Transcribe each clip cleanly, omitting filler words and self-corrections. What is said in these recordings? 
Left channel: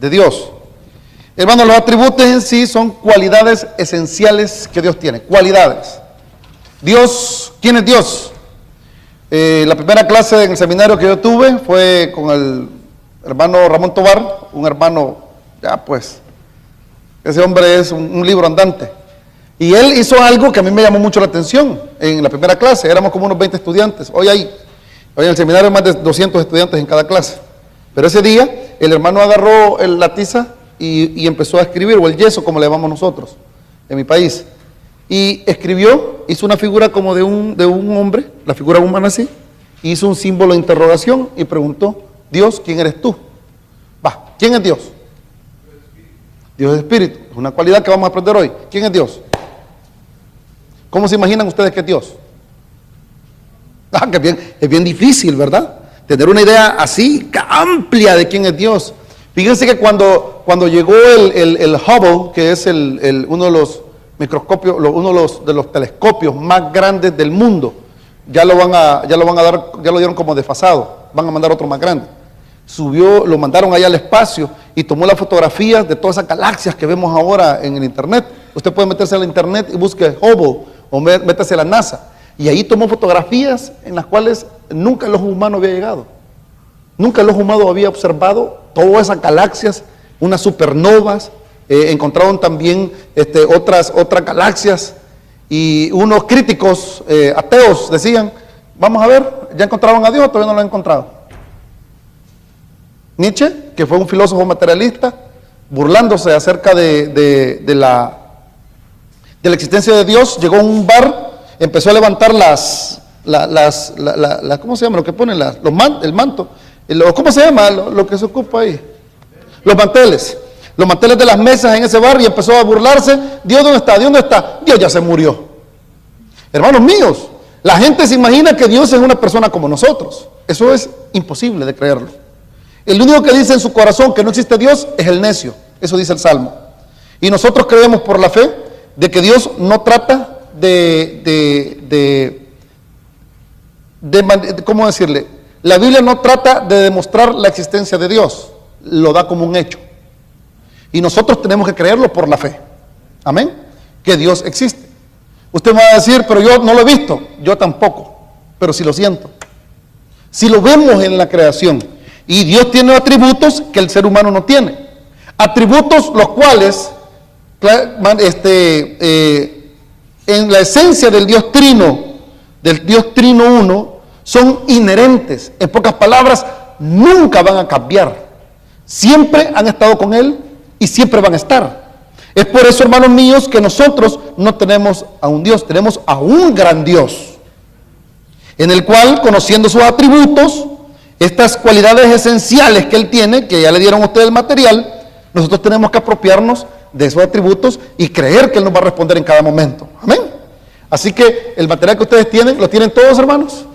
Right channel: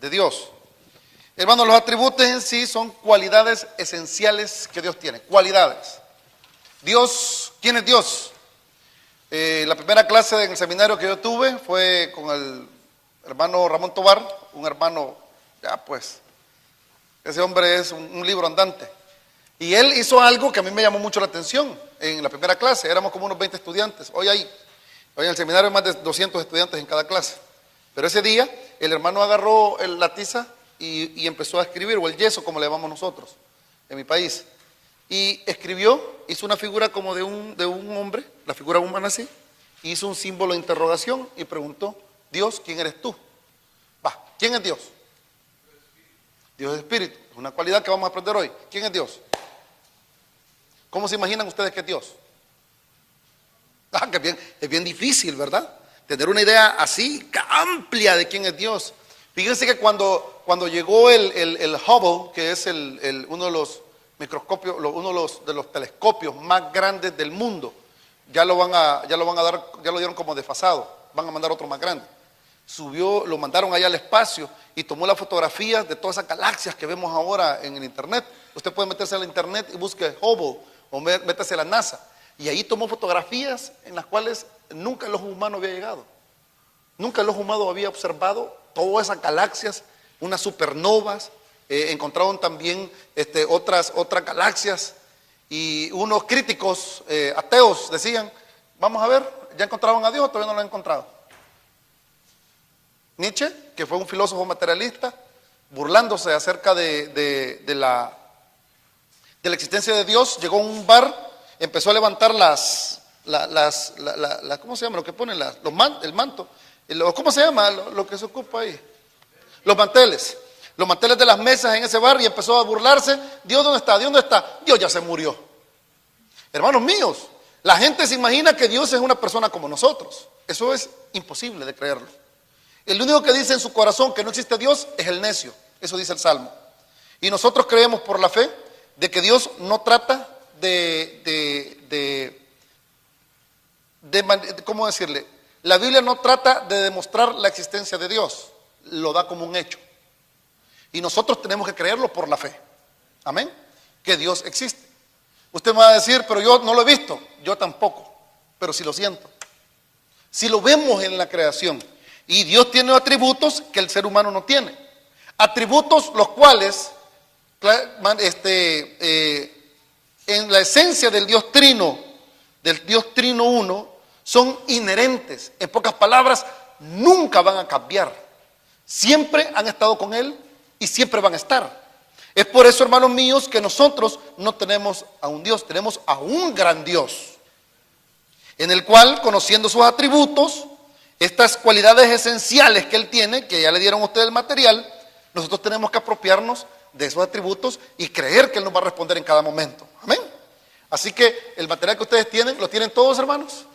de Dios. Hermanos, los atributos en sí son cualidades esenciales que Dios tiene. Cualidades. Dios, ¿quién es Dios? La primera clase en el seminario que yo tuve fue con el hermano Ramón Tobar, un hermano, ya pues, ese hombre es un libro andante. Y él hizo algo que a mí me llamó mucho la atención en la primera clase. Éramos como unos 20 estudiantes. Hoy en el seminario hay más de 200 estudiantes en cada clase. Pero ese día el hermano agarró la tiza y empezó a escribir, o el yeso como le llamamos nosotros en mi país. Y escribió, hizo una figura como de un hombre, la figura humana así, hizo un símbolo de interrogación y preguntó: Dios, ¿quién eres tú? ¿Quién es Dios? Dios es espíritu, es una cualidad que vamos a aprender hoy. ¿Quién es Dios? ¿Cómo se imaginan ustedes que es Dios? Que es bien difícil, ¿verdad? Tener una idea así, amplia de quién es Dios. Fíjense que cuando llegó el Hubble, que es uno de los microscopios, uno de los telescopios más grandes del mundo, ya lo dieron como desfasado, van a mandar otro más grande. Lo mandaron allá al espacio y tomó las fotografías de todas esas galaxias que vemos ahora en el internet. Usted puede meterse al internet y busque Hubble o métase a la NASA. Y ahí tomó fotografías en las cuales nunca el ojo humano había llegado. Nunca el ojo humano había observado todas esas galaxias, unas supernovas. Encontraron también otras galaxias. Y unos críticos ateos decían: vamos a ver, ¿ya encontraron a Dios o todavía no lo han encontrado? Nietzsche, que fue un filósofo materialista, burlándose acerca de la existencia de Dios, llegó a un bar, empezó a levantar ¿cómo se llama? Lo que ponen, el manto, ¿cómo se llama? Lo que se ocupa ahí, los manteles de las mesas en ese bar, y empezó a burlarse. Dios, ¿dónde está? Dios, ¿dónde está? Dios ya se murió. Hermanos míos, la gente se imagina que Dios es una persona como nosotros. Eso es imposible de creerlo. El único que dice en su corazón que no existe Dios es el necio. Eso dice el Salmo. Y nosotros creemos por la fe de que Dios no trata ¿cómo decirle? La Biblia no trata de demostrar la existencia de Dios, lo da como un hecho. Y nosotros tenemos que creerlo por la fe. Amén. Que Dios existe. Usted me va a decir: pero yo no lo he visto. Yo tampoco, pero sí lo siento. Si lo vemos en la creación. Y Dios tiene atributos que el ser humano no tiene. Atributos los cuales, en la esencia del Dios Trino Uno, son inherentes. En pocas palabras, nunca van a cambiar. Siempre han estado con Él y siempre van a estar. Es por eso, hermanos míos, que nosotros no tenemos a un Dios, tenemos a un gran Dios, en el cual, conociendo sus atributos, estas cualidades esenciales que Él tiene, que ya le dieron a ustedes el material, nosotros tenemos que apropiarnos de esos atributos y creer que Él nos va a responder en cada momento. Amén. Así que el material que ustedes tienen, ¿lo tienen todos, hermanos?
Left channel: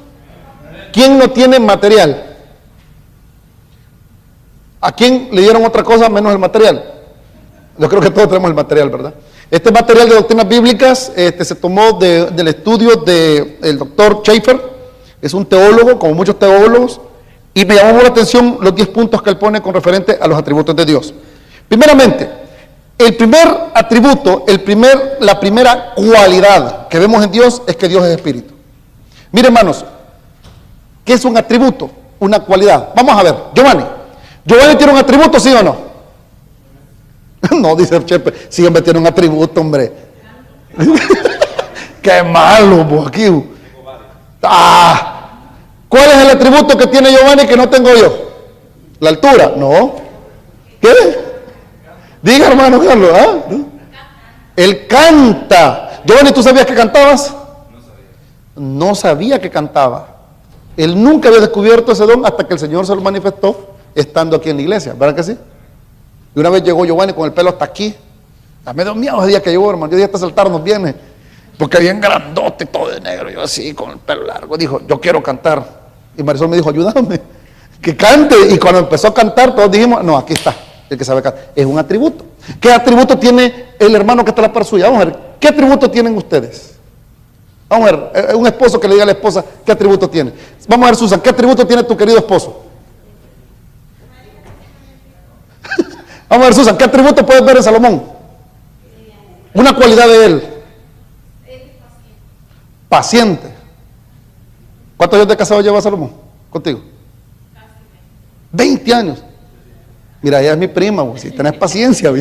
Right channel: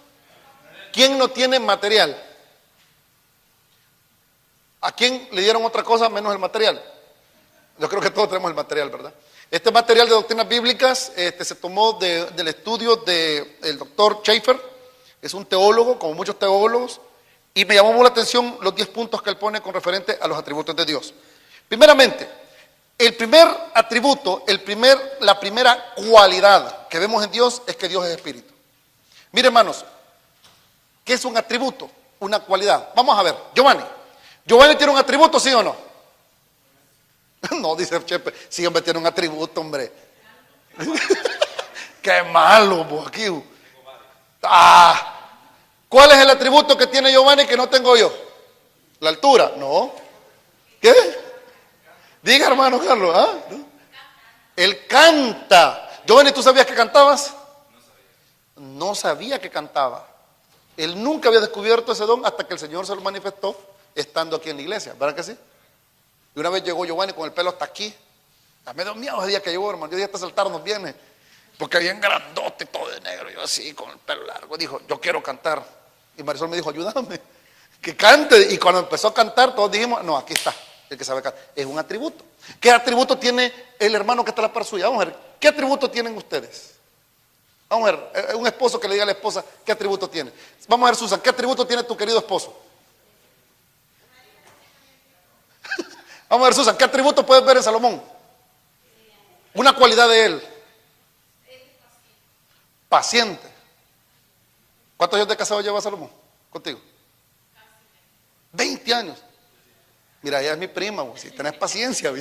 ¿Quién no tiene material? ¿A quién le dieron otra cosa menos el material? Yo creo que todos tenemos el material, ¿verdad? Este material de doctrinas bíblicas se tomó del estudio del doctor Schaeffer. Es un teólogo, como muchos teólogos. Y me llamó la atención los 10 puntos que él pone con referente a los atributos de Dios. Primeramente, el primer atributo, la primera cualidad que vemos en Dios es que Dios es espíritu. Mire, hermanos, ¿qué es un atributo? Una cualidad. Vamos a ver, Giovanni tiene un atributo, ¿sí o no? No, dice el Chepe, sí, hombre, tiene un atributo, hombre. Qué malo, vos, aquí. ¿Cuál es el atributo que tiene Giovanni que no tengo yo? ¿La altura? No. ¿Qué? Diga, hermano Carlos. Él canta. Giovanni, ¿tú sabías que cantabas? No sabía que cantaba. Él nunca había descubierto ese don hasta que el Señor se lo manifestó estando aquí en la iglesia. ¿Verdad que sí? Y una vez llegó Giovanni con el pelo hasta aquí. Me dio miedo ese día que llegó, hermano. Yo dije: hasta saltarnos viene. Porque bien grandote, todo de negro. Yo así, con el pelo largo. Dijo: yo quiero cantar. Y Marisol me dijo: ayúdame, que cante. Y cuando empezó a cantar, todos dijimos: no, aquí está, el que sabe cantar. Es un atributo. ¿Qué atributo tiene el hermano que está a la par suya? Vamos a ver, ¿qué atributo tienen ustedes? Vamos a ver, un esposo que le diga a la esposa, ¿qué atributo tiene? Vamos a ver, Susan, ¿qué atributo tiene tu querido esposo? Vamos a ver, Susan, ¿qué atributo puedes ver en Salomón? Una cualidad de él. Paciente. ¿Cuántos años de casado lleva Salomón contigo? 20 años. Mira, ella es mi prima, si tenés paciencia,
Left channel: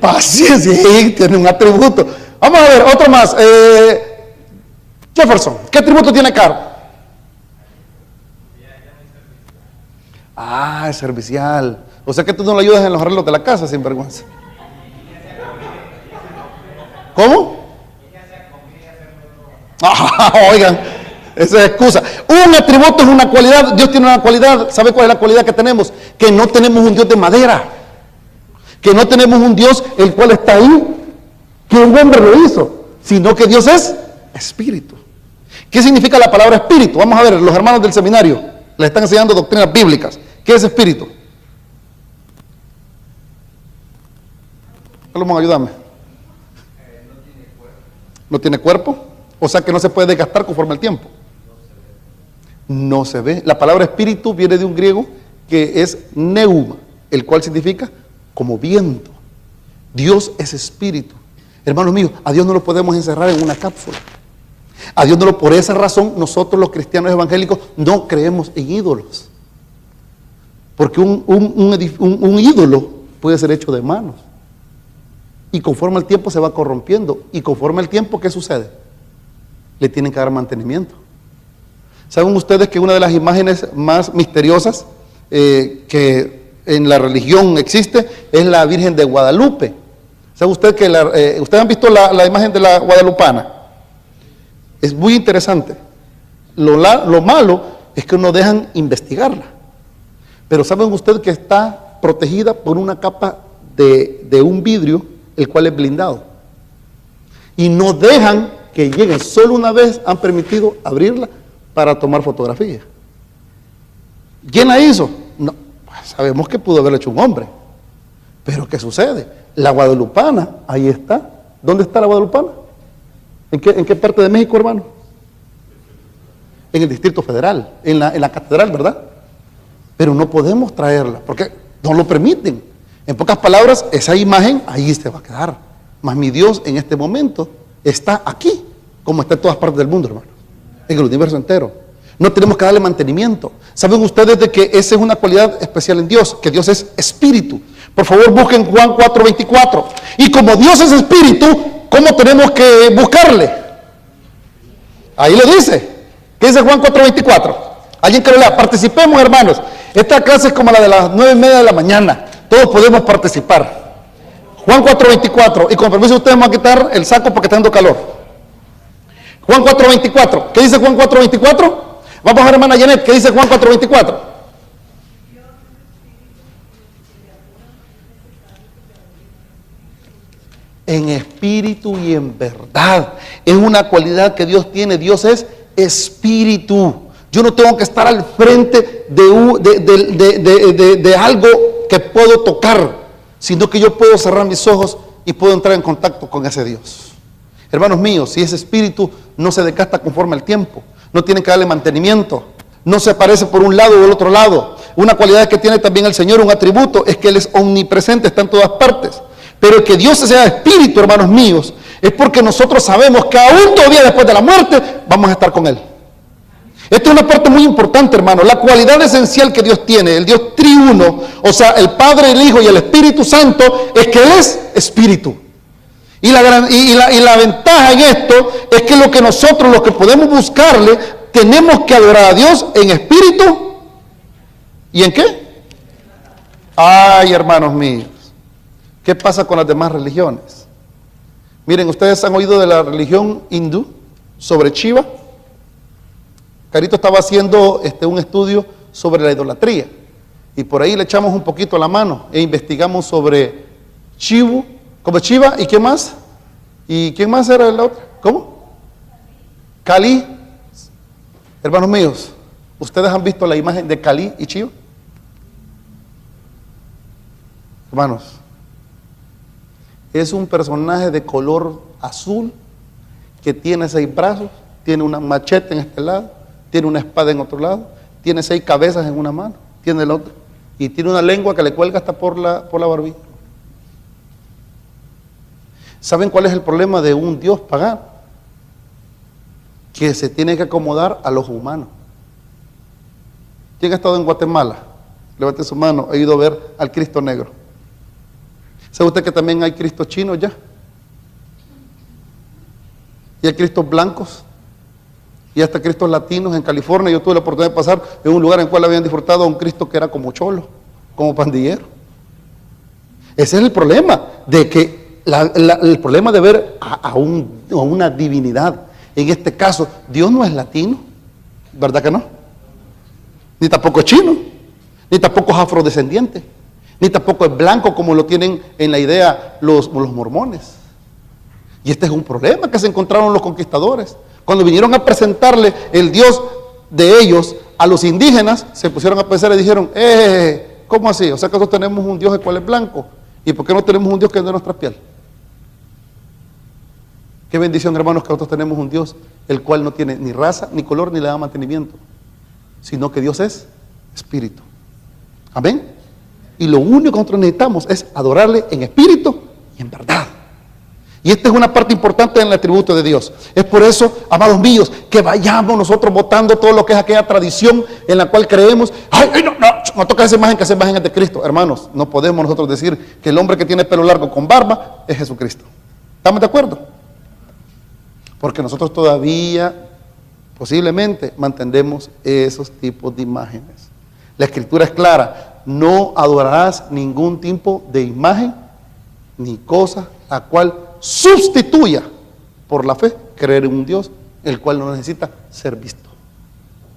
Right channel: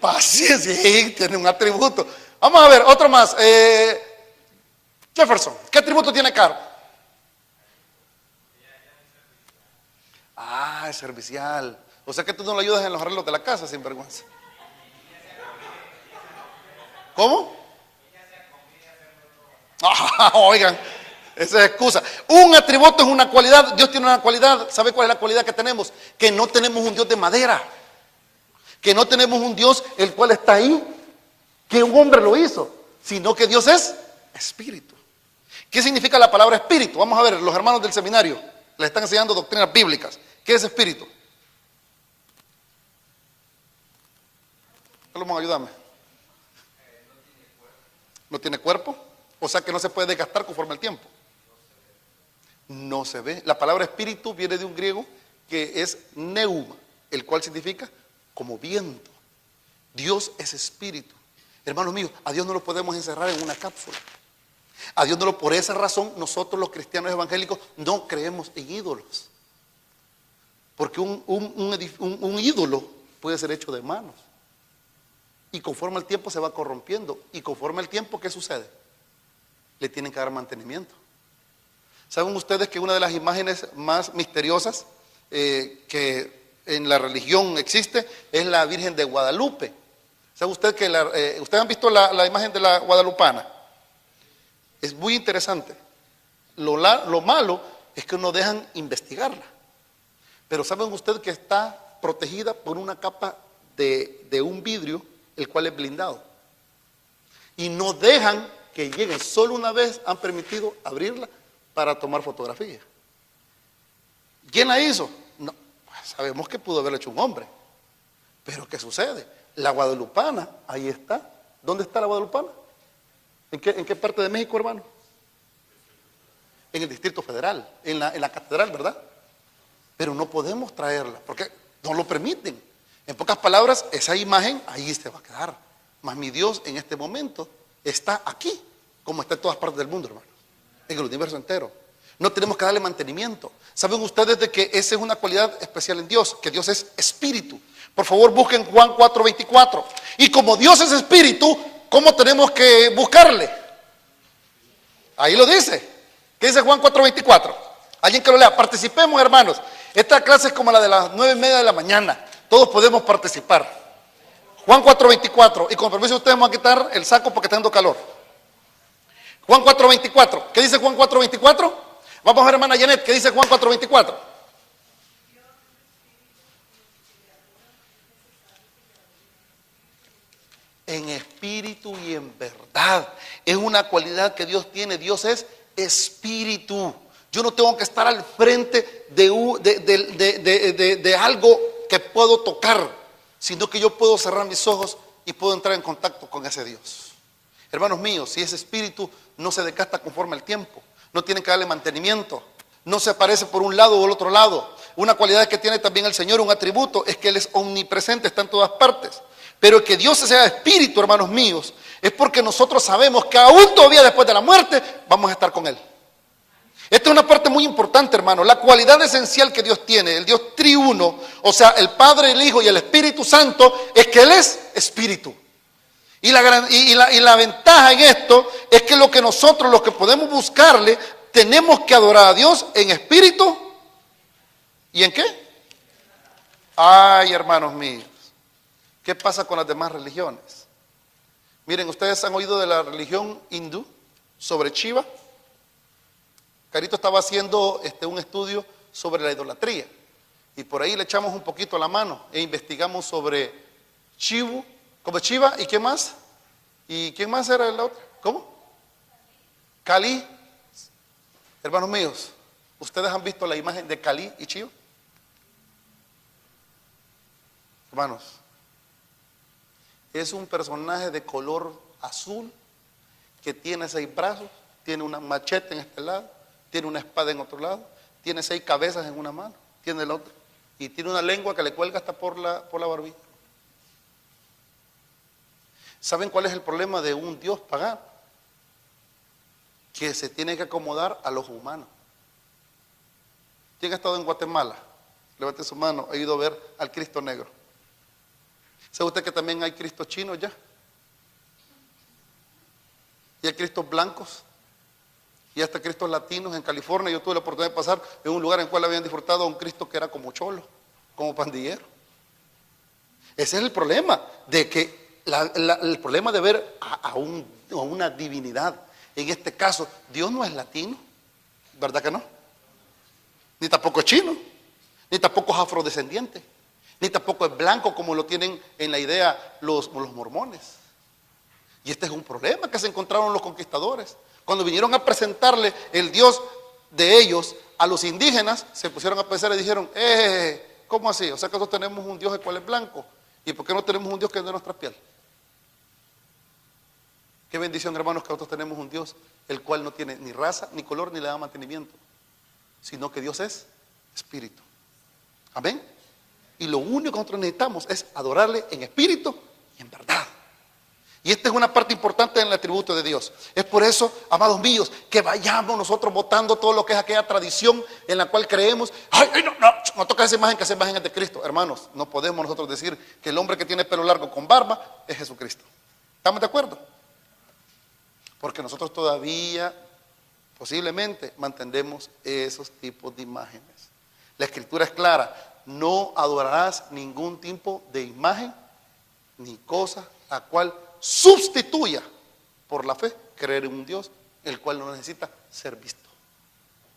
paciencia, tiene un atributo. Vamos a ver, otro más. Jefferson, ¿qué atributo tiene Carl? Ah, es servicial. O sea que tú no le ayudas en los arreglos de la casa, sin vergüenza. ¿Cómo? Oigan, esa es excusa. Un atributo es una cualidad. Dios tiene una cualidad. ¿Sabe cuál es la cualidad que tenemos? Que no tenemos un Dios de madera. Que no tenemos un Dios el cual está ahí, que un hombre lo hizo, sino que Dios es espíritu. ¿Qué significa la palabra espíritu? Vamos a ver, los hermanos del seminario les están enseñando doctrinas bíblicas. ¿Qué es espíritu? Salomón, ayúdame. ¿No tiene cuerpo? O sea que no se puede desgastar conforme al tiempo. No se ve. La palabra espíritu viene de un griego que es neuma, el cual significa como viento. Dios es espíritu. Hermanos míos, a Dios no lo podemos encerrar en una cápsula. A Dios no lo, por esa razón nosotros los cristianos evangélicos no creemos en ídolos. Porque un ídolo puede ser hecho de manos. Y conforme el tiempo se va corrompiendo. Y conforme el tiempo, ¿qué sucede? Le tienen que dar mantenimiento. ¿Saben ustedes que una de las imágenes más misteriosas que en la religión existe es la Virgen de Guadalupe? ¿Sabe usted que ustedes han visto la imagen de la guadalupana? Es muy interesante. Lo malo es que no dejan investigarla. Pero ¿saben ustedes que está protegida por una capa de un vidrio, el cual es blindado? Y no dejan que lleguen. Solo una vez han permitido abrirla para tomar fotografías. ¿Quién la hizo? No, pues sabemos que pudo haberlo hecho un hombre. Pero ¿qué sucede? La guadalupana, ahí está. ¿Dónde está la guadalupana? ¿En qué parte de México, hermano? En el Distrito Federal, en la catedral, ¿verdad? Pero no podemos traerla, porque no lo permiten. En pocas palabras, esa imagen ahí se va a quedar. Mas mi Dios en este momento está aquí, como está en todas partes del mundo, hermano. En el universo entero. No tenemos que darle mantenimiento. ¿Saben ustedes de que esa es una cualidad especial en Dios? Que Dios es espíritu. Por favor, busquen Juan 4:24. Y como Dios es espíritu, ¿cómo tenemos que buscarle? Ahí lo dice. ¿Qué dice Juan 4:24? Alguien que lo lea. Participemos, hermanos. Esta clase es como la de las 9:30 de la mañana. Todos podemos participar. Juan 4:24. Y con permiso ustedes me van a quitar el saco porque está dando calor. Juan 4:24. ¿Qué dice Juan 4:24? Vamos a ver, hermana Janet, ¿qué dice Juan 4:24? En espíritu y en verdad. Es una cualidad que Dios tiene. Dios es espíritu. Yo no tengo que estar al frente de algo que puedo tocar, sino que yo puedo cerrar mis ojos y puedo entrar en contacto con ese Dios. Hermanos míos, si ese espíritu no se desgasta conforme al tiempo, no tienen que darle mantenimiento, no se aparece por un lado o el otro lado. Una cualidad que tiene también el Señor, un atributo, es que Él es omnipresente, está en todas partes. Pero que Dios sea espíritu, hermanos míos, es porque nosotros sabemos que aún todavía después de la muerte vamos a estar con Él. Esta es una parte muy importante, hermano. La cualidad esencial que Dios tiene, el Dios triuno, o sea, el Padre, el Hijo y el Espíritu Santo, es que Él es espíritu. Y la ventaja en esto es que lo que nosotros, los que podemos buscarle, tenemos que adorar a Dios en espíritu. ¿Y en qué? Ay, hermanos míos, ¿qué pasa con las demás religiones? Miren, ustedes han oído de la religión hindú sobre Shiva. Carito estaba haciendo un estudio sobre la idolatría y por ahí le echamos un poquito la mano e investigamos sobre Shiva, como Shiva, ¿y qué más? ¿Y quién más era la otra? ¿Cómo? Kali. Hermanos míos, ¿ustedes han visto la imagen de Kali y Shiva? Hermanos, es un personaje de color azul que tiene 6 brazos, tiene una machete en este lado, tiene una espada en otro lado, tiene 6 cabezas en una mano, tiene el otro. y tiene una lengua que le cuelga hasta por la barbilla. ¿Saben cuál es el problema de un Dios pagano? Que se tiene que acomodar a los humanos. ¿Quién ha estado en Guatemala? Levante su mano. He ido a ver al Cristo negro. ¿Sabe usted que también hay Cristos chinos ya? Y hay Cristos blancos. Y hasta Cristos latinos en California. Yo tuve la oportunidad de pasar en un lugar en el cual habían disfrutado a un Cristo que era como cholo, como pandillero. Ese es el problema, de que el problema de ver a una divinidad. En este caso, Dios no es latino, ¿verdad que no? Ni tampoco es chino, ni tampoco es afrodescendiente, ni tampoco es blanco como lo tienen en la idea los mormones. Y este es un problema que se encontraron los conquistadores. Cuando vinieron a presentarle el Dios de ellos a los indígenas, se pusieron a pensar y dijeron, ¿cómo así? O sea que nosotros tenemos un Dios el cual es blanco. ¿Y por qué no tenemos un Dios que es de nuestra piel? Qué bendición, hermanos, que nosotros tenemos un Dios el cual no tiene ni raza, ni color, ni le da mantenimiento, sino que Dios es espíritu. Amén. Y lo único que nosotros necesitamos es adorarle en espíritu y en verdad. Y esta es una parte importante en el atributo de Dios. Es por eso, amados míos, que vayamos nosotros botando todo lo que es aquella tradición en la cual creemos. No toca esa imagen, que esa imagen es de Cristo. Hermanos, no podemos nosotros decir que el hombre que tiene pelo largo con barba es Jesucristo. ¿Estamos de acuerdo? Porque nosotros todavía, posiblemente, mantenemos esos tipos de imágenes. La Escritura es clara: no adorarás ningún tipo de imagen ni cosa la cual sustituya por la fe creer en un Dios el cual no necesita ser visto,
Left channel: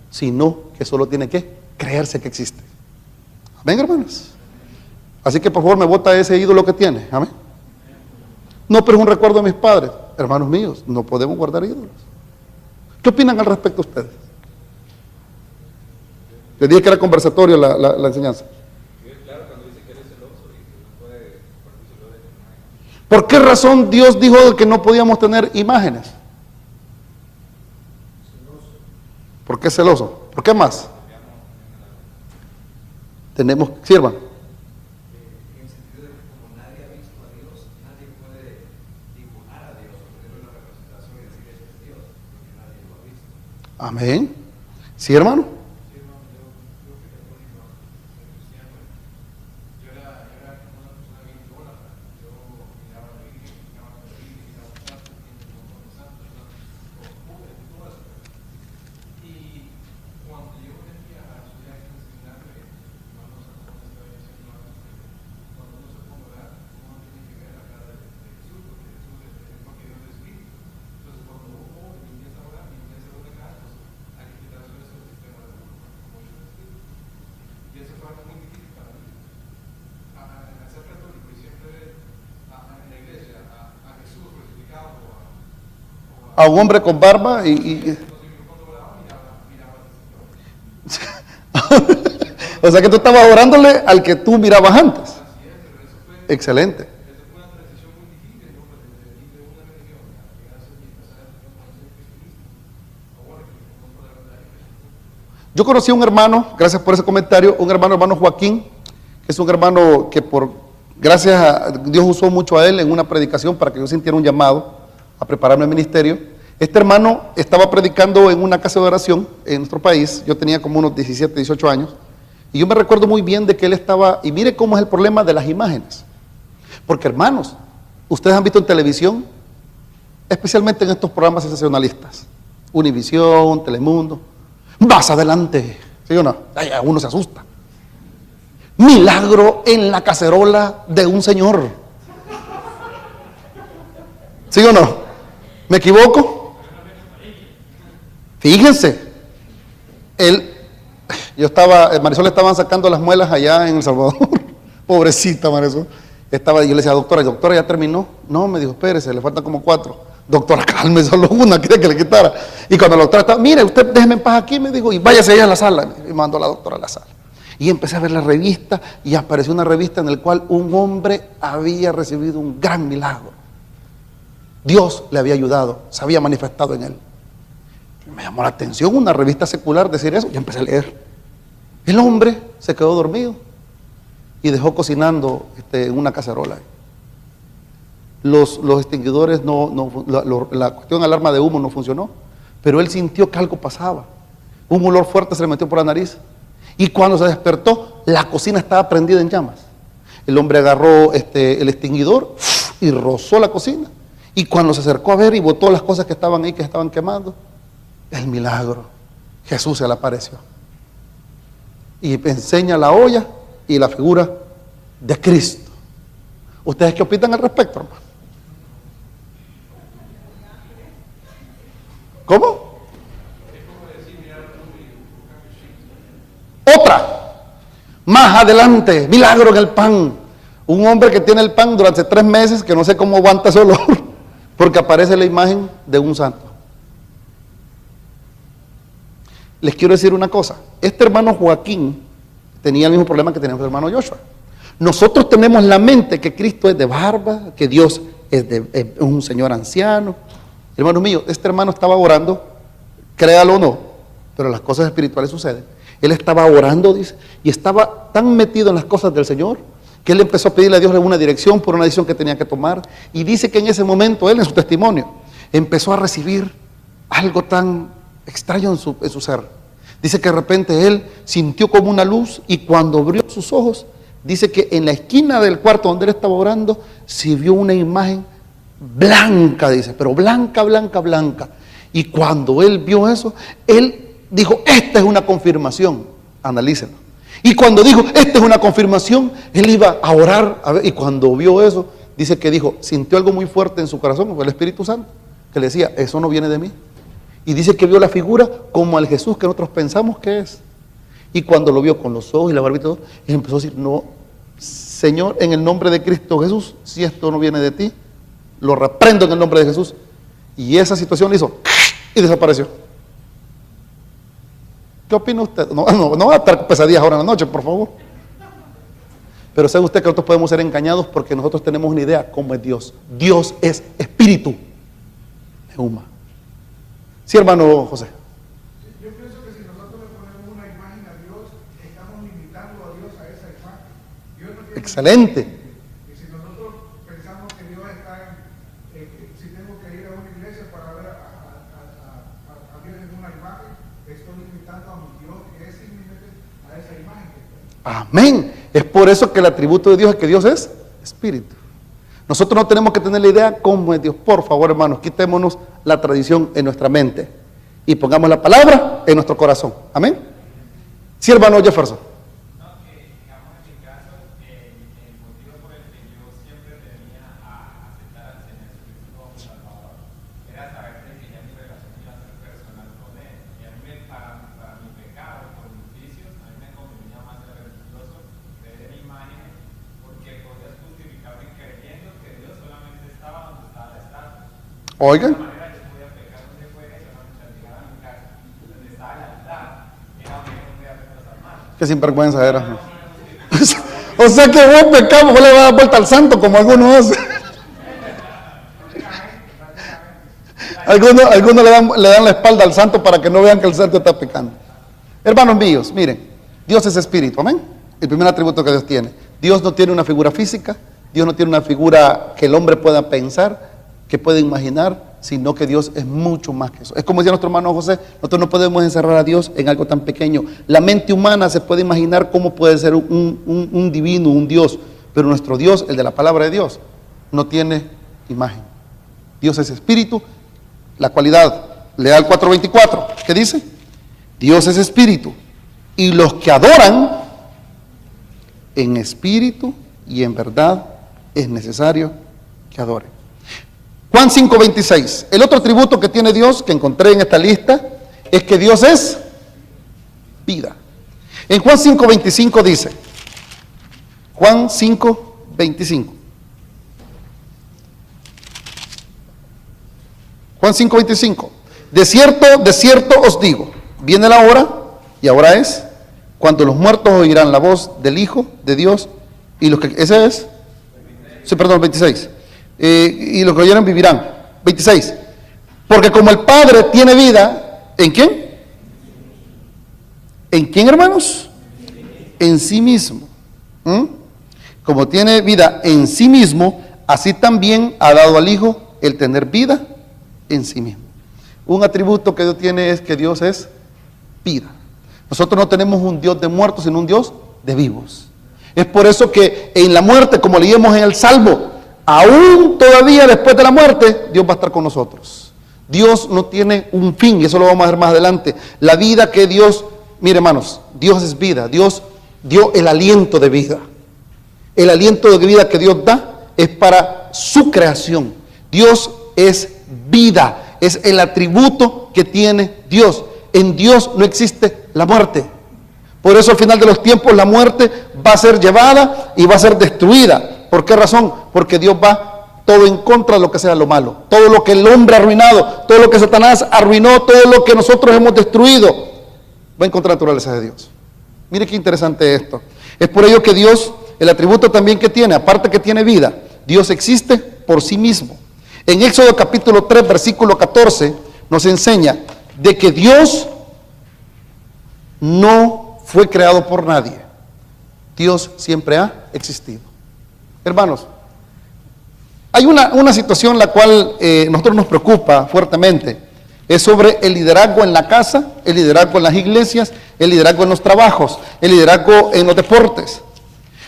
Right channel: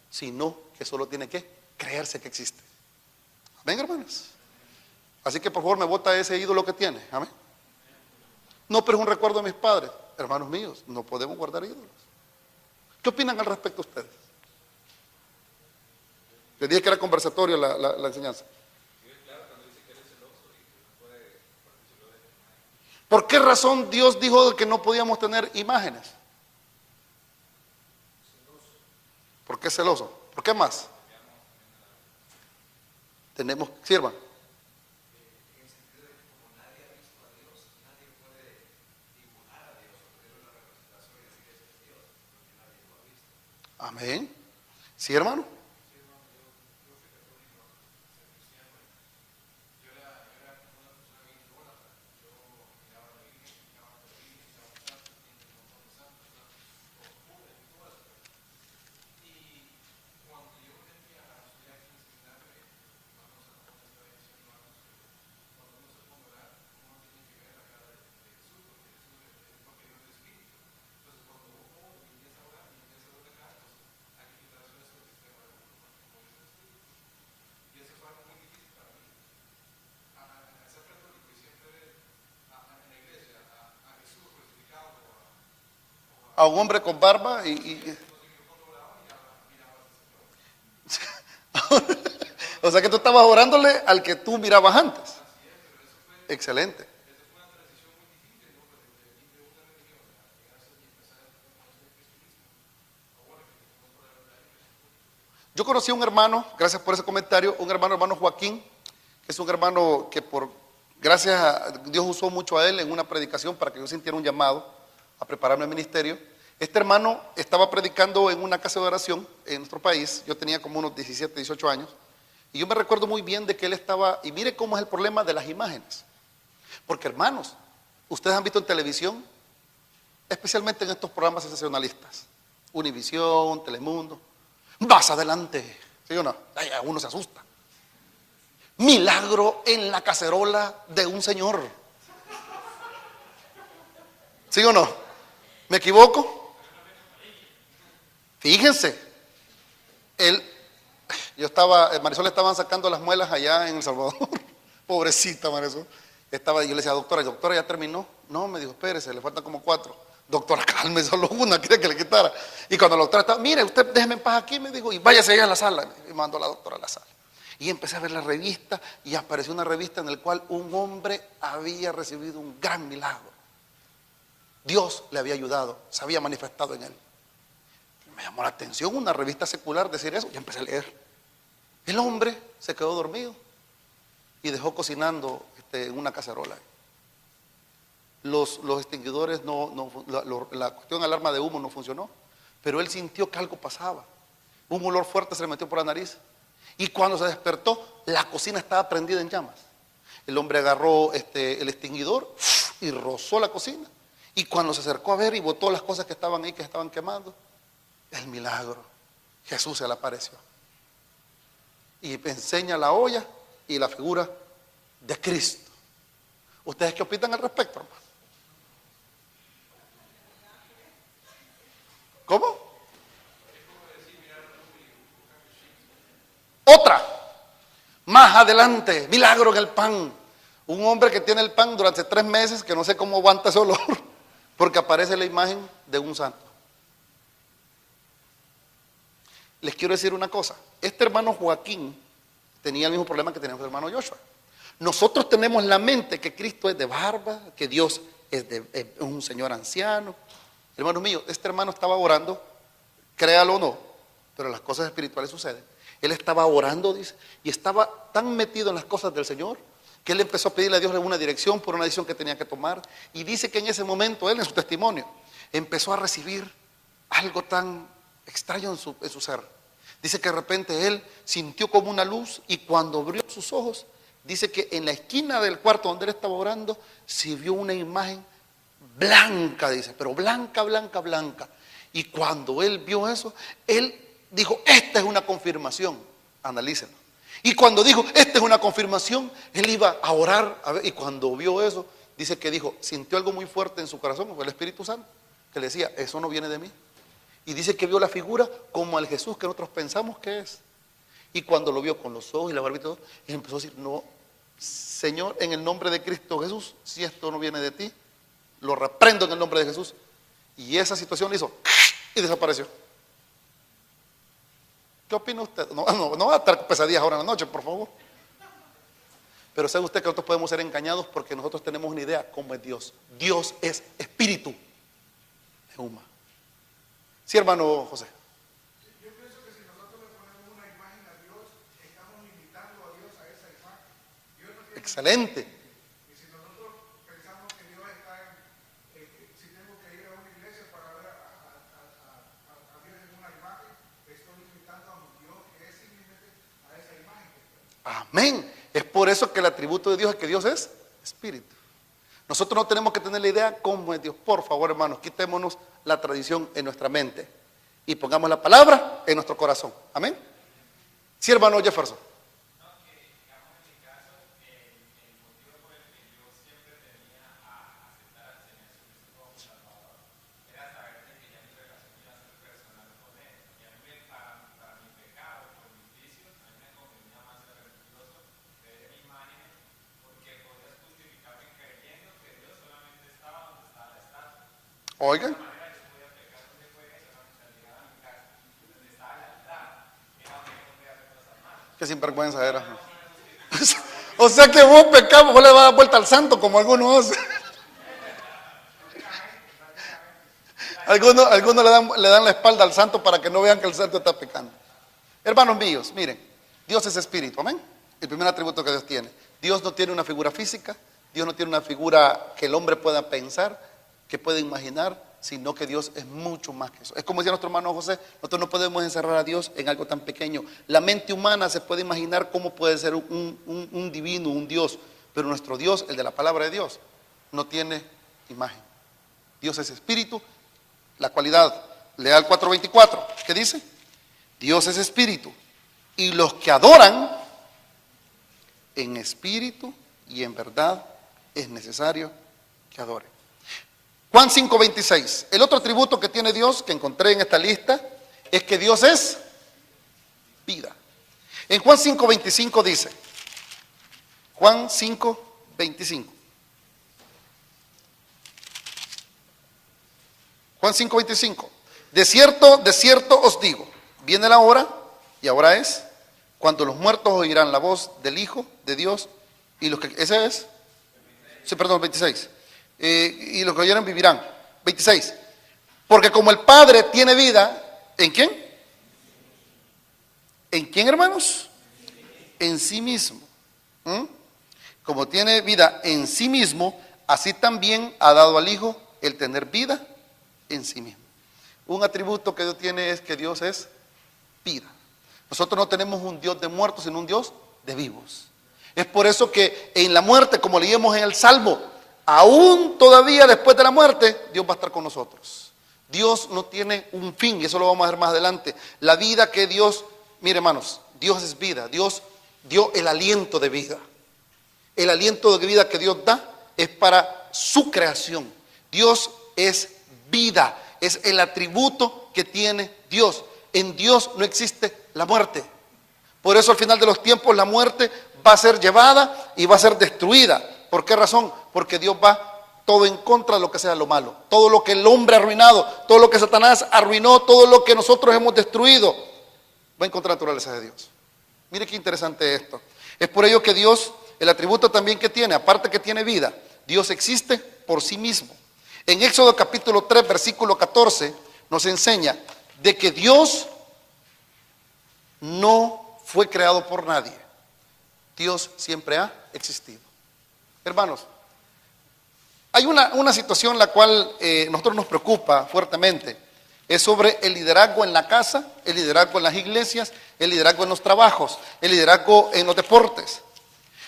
sino que solo tiene que creerse que existe. Amén, hermanos. Así que por favor me bota ese ídolo que tiene. Amén. No, pero es un recuerdo de mis padres. Hermanos míos, no podemos guardar ídolos. ¿Qué opinan al respecto ustedes? Les dije que era conversatorio la enseñanza. ¿Por qué razón Dios dijo que no podíamos tener imágenes? ¿Por qué celoso? ¿Por qué más? Tenemos, sirvan. Amén. ¿Sí, hermano? A un hombre con barba o sea que tú estabas orándole al que tú mirabas antes. Excelente. Yo conocí a un hermano, gracias por ese comentario, un hermano Joaquín, que es un hermano que gracias a Dios usó mucho a él en una predicación para que yo sintiera un llamado a prepararme al ministerio. Este hermano estaba predicando en una casa de oración en nuestro país. Yo tenía como unos 17, 18 años, y yo me recuerdo muy bien de que él estaba, y mire cómo es el problema de las imágenes, porque hermanos, ustedes han visto en televisión, especialmente en estos programas sensacionalistas, Univisión, Telemundo, vas adelante, ¿sí o no? Ay, uno se asusta. Milagro en la cacerola de un señor, ¿sí o no? ¿Me equivoco? Fíjense, Marisol le estaban sacando las muelas allá en El Salvador. Pobrecita Marisol. Yo le decía, doctora, ¿ya terminó? No, me dijo, espérese, le faltan como 4. Doctora, calme, solo una, quería que le quitara. Y cuando la doctora estaba, mire, usted déjeme en paz aquí, me dijo, y váyase allá a la sala. Y mandó a la doctora a la sala. Y empecé a ver la revista, y apareció una revista en la cual un hombre había recibido un gran milagro. Dios le había ayudado, se había manifestado en él. Me llamó la atención una revista secular decir eso, y empecé a leer. El hombre se quedó dormido y dejó cocinando en una cacerola. Los extinguidores, la cuestión alarma de humo no funcionó, pero él sintió que algo pasaba. Un olor fuerte se le metió por la nariz, y cuando se despertó, la cocina estaba prendida en llamas. El hombre agarró el extinguidor y rozó la cocina, y cuando se acercó a ver y botó las cosas que estaban ahí, que estaban quemando, el milagro, Jesús se le apareció y enseña la olla y la figura de Cristo. ¿Ustedes qué opinan al respecto, hermano? ¿Cómo? Otra, más adelante, milagro en el pan. Un hombre que tiene el pan durante 3 meses, que no sé cómo aguanta ese olor, porque aparece la imagen de un santo. Les quiero decir una cosa, este hermano Joaquín tenía el mismo problema que tenía el hermano Joshua. Nosotros tenemos la mente que Cristo es de barba, que Dios es un señor anciano. Hermano mío, este hermano estaba orando, créalo o no, pero las cosas espirituales suceden. Él estaba orando, dice, y estaba tan metido en las cosas del Señor, que él empezó a pedirle a Dios una dirección por una decisión que tenía que tomar. Y dice que en ese momento, él en su testimonio, empezó a recibir algo tan extraño en su ser. Dice que de repente él sintió como una luz, y cuando abrió sus ojos, dice que en la esquina del cuarto donde él estaba orando, se vio una imagen blanca, dice, pero blanca, blanca, blanca. Y cuando él vio eso, él dijo, esta es una confirmación, analícenlo. Y cuando dijo, esta es una confirmación, él iba a orar, a ver, y cuando vio eso, dice que dijo, sintió algo muy fuerte en su corazón, fue el Espíritu Santo, que le decía, eso no viene de mí. Y dice que vio la figura como al Jesús que nosotros pensamos que es. Y cuando lo vio con los ojos y la barba y todo, él empezó a decir, no, Señor, en el nombre de Cristo Jesús, si esto no viene de ti, lo reprendo en el nombre de Jesús. Y esa situación le hizo y desapareció. ¿Qué opina usted? No va a estar pesadillas ahora en la noche, por favor. Pero sabe usted que nosotros podemos ser engañados porque nosotros tenemos una idea cómo es Dios. Dios es espíritu. Neuma. Sí, hermano José. Yo pienso que si nosotros le ponemos una imagen a Dios, estamos limitando a Dios a esa imagen. Dios no tiene Excelente. y si nosotros pensamos que Dios está si tengo que ir a una iglesia para ver a Dios en una imagen, estoy limitando a mi Dios que es simplemente a esa imagen. Amén. Es por eso que el atributo de Dios es que Dios es espíritu. Nosotros no tenemos que tener la idea cómo es Dios. Por favor, hermanos, quitémonos la tradición en nuestra mente y pongamos la palabra en nuestro corazón. Amén. Sí, hermano Jefferson. Oigan. Qué sinvergüenza era. O sea que vos pecamos, vos le vas a dar vuelta al santo como algunos hacen. Algunos le dan la espalda al santo para que no vean que el santo está pecando. Hermanos míos, miren, Dios es espíritu, amén. El primer atributo que Dios tiene. Dios no tiene una figura física, Dios no tiene una figura que el hombre pueda pensar, que puede imaginar, sino que Dios es mucho más que eso. Es como decía nuestro hermano José, nosotros no podemos encerrar a Dios en algo tan pequeño. La mente humana se puede imaginar cómo puede ser un divino, un Dios, pero nuestro Dios, el de la palabra de Dios, no tiene imagen. Dios es espíritu. La cualidad, lea el 4:24, ¿qué dice? Dios es espíritu, y los que adoran en espíritu y en verdad es necesario que adoren. Juan 5:26, el otro atributo que tiene Dios, que encontré en esta lista, es que Dios es vida. En Juan 5:25 dice, Juan 5:25, Juan 5:25, de cierto os digo, viene la hora, y ahora es, cuando los muertos oirán la voz del Hijo de Dios, y los que, ese es, sí, perdón, 26, y los que oyeran vivirán. 26, porque como el Padre tiene vida, ¿en quién? ¿En quién, hermanos? En sí mismo. como tiene vida en sí mismo, así también ha dado al Hijo el tener vida en sí mismo. Un atributo que Dios tiene es que Dios es vida. Nosotros no tenemos un Dios de muertos, sino un Dios de vivos. Es por eso que en la muerte, como leímos en el Salmo, aún todavía después de la muerte, Dios va a estar con nosotros. Dios no tiene un fin, y eso lo vamos a ver más adelante. La vida que Dios, mire hermanos, Dios es vida. Dios dio el aliento de vida. El aliento de vida que Dios da es para su creación. Dios es vida, es el atributo que tiene Dios. En Dios no existe la muerte. Por eso al final de los tiempos la muerte va a ser llevada y va a ser destruida. ¿Por qué razón? Porque Dios va todo en contra de lo que sea lo malo. Todo lo que el hombre ha arruinado, todo lo que Satanás arruinó, todo lo que nosotros hemos destruido, va en contra de la naturaleza de Dios. Mire qué interesante esto. Es por ello que Dios, el atributo también que tiene, aparte que tiene vida, Dios existe por sí mismo. En Éxodo capítulo 3, versículo 14, nos enseña de que Dios no fue creado por nadie. Dios siempre ha existido. Hermanos, hay una situación la cual nosotros nos preocupa fuertemente. Es sobre el liderazgo en la casa, el liderazgo en las iglesias, el liderazgo en los trabajos, el liderazgo en los deportes.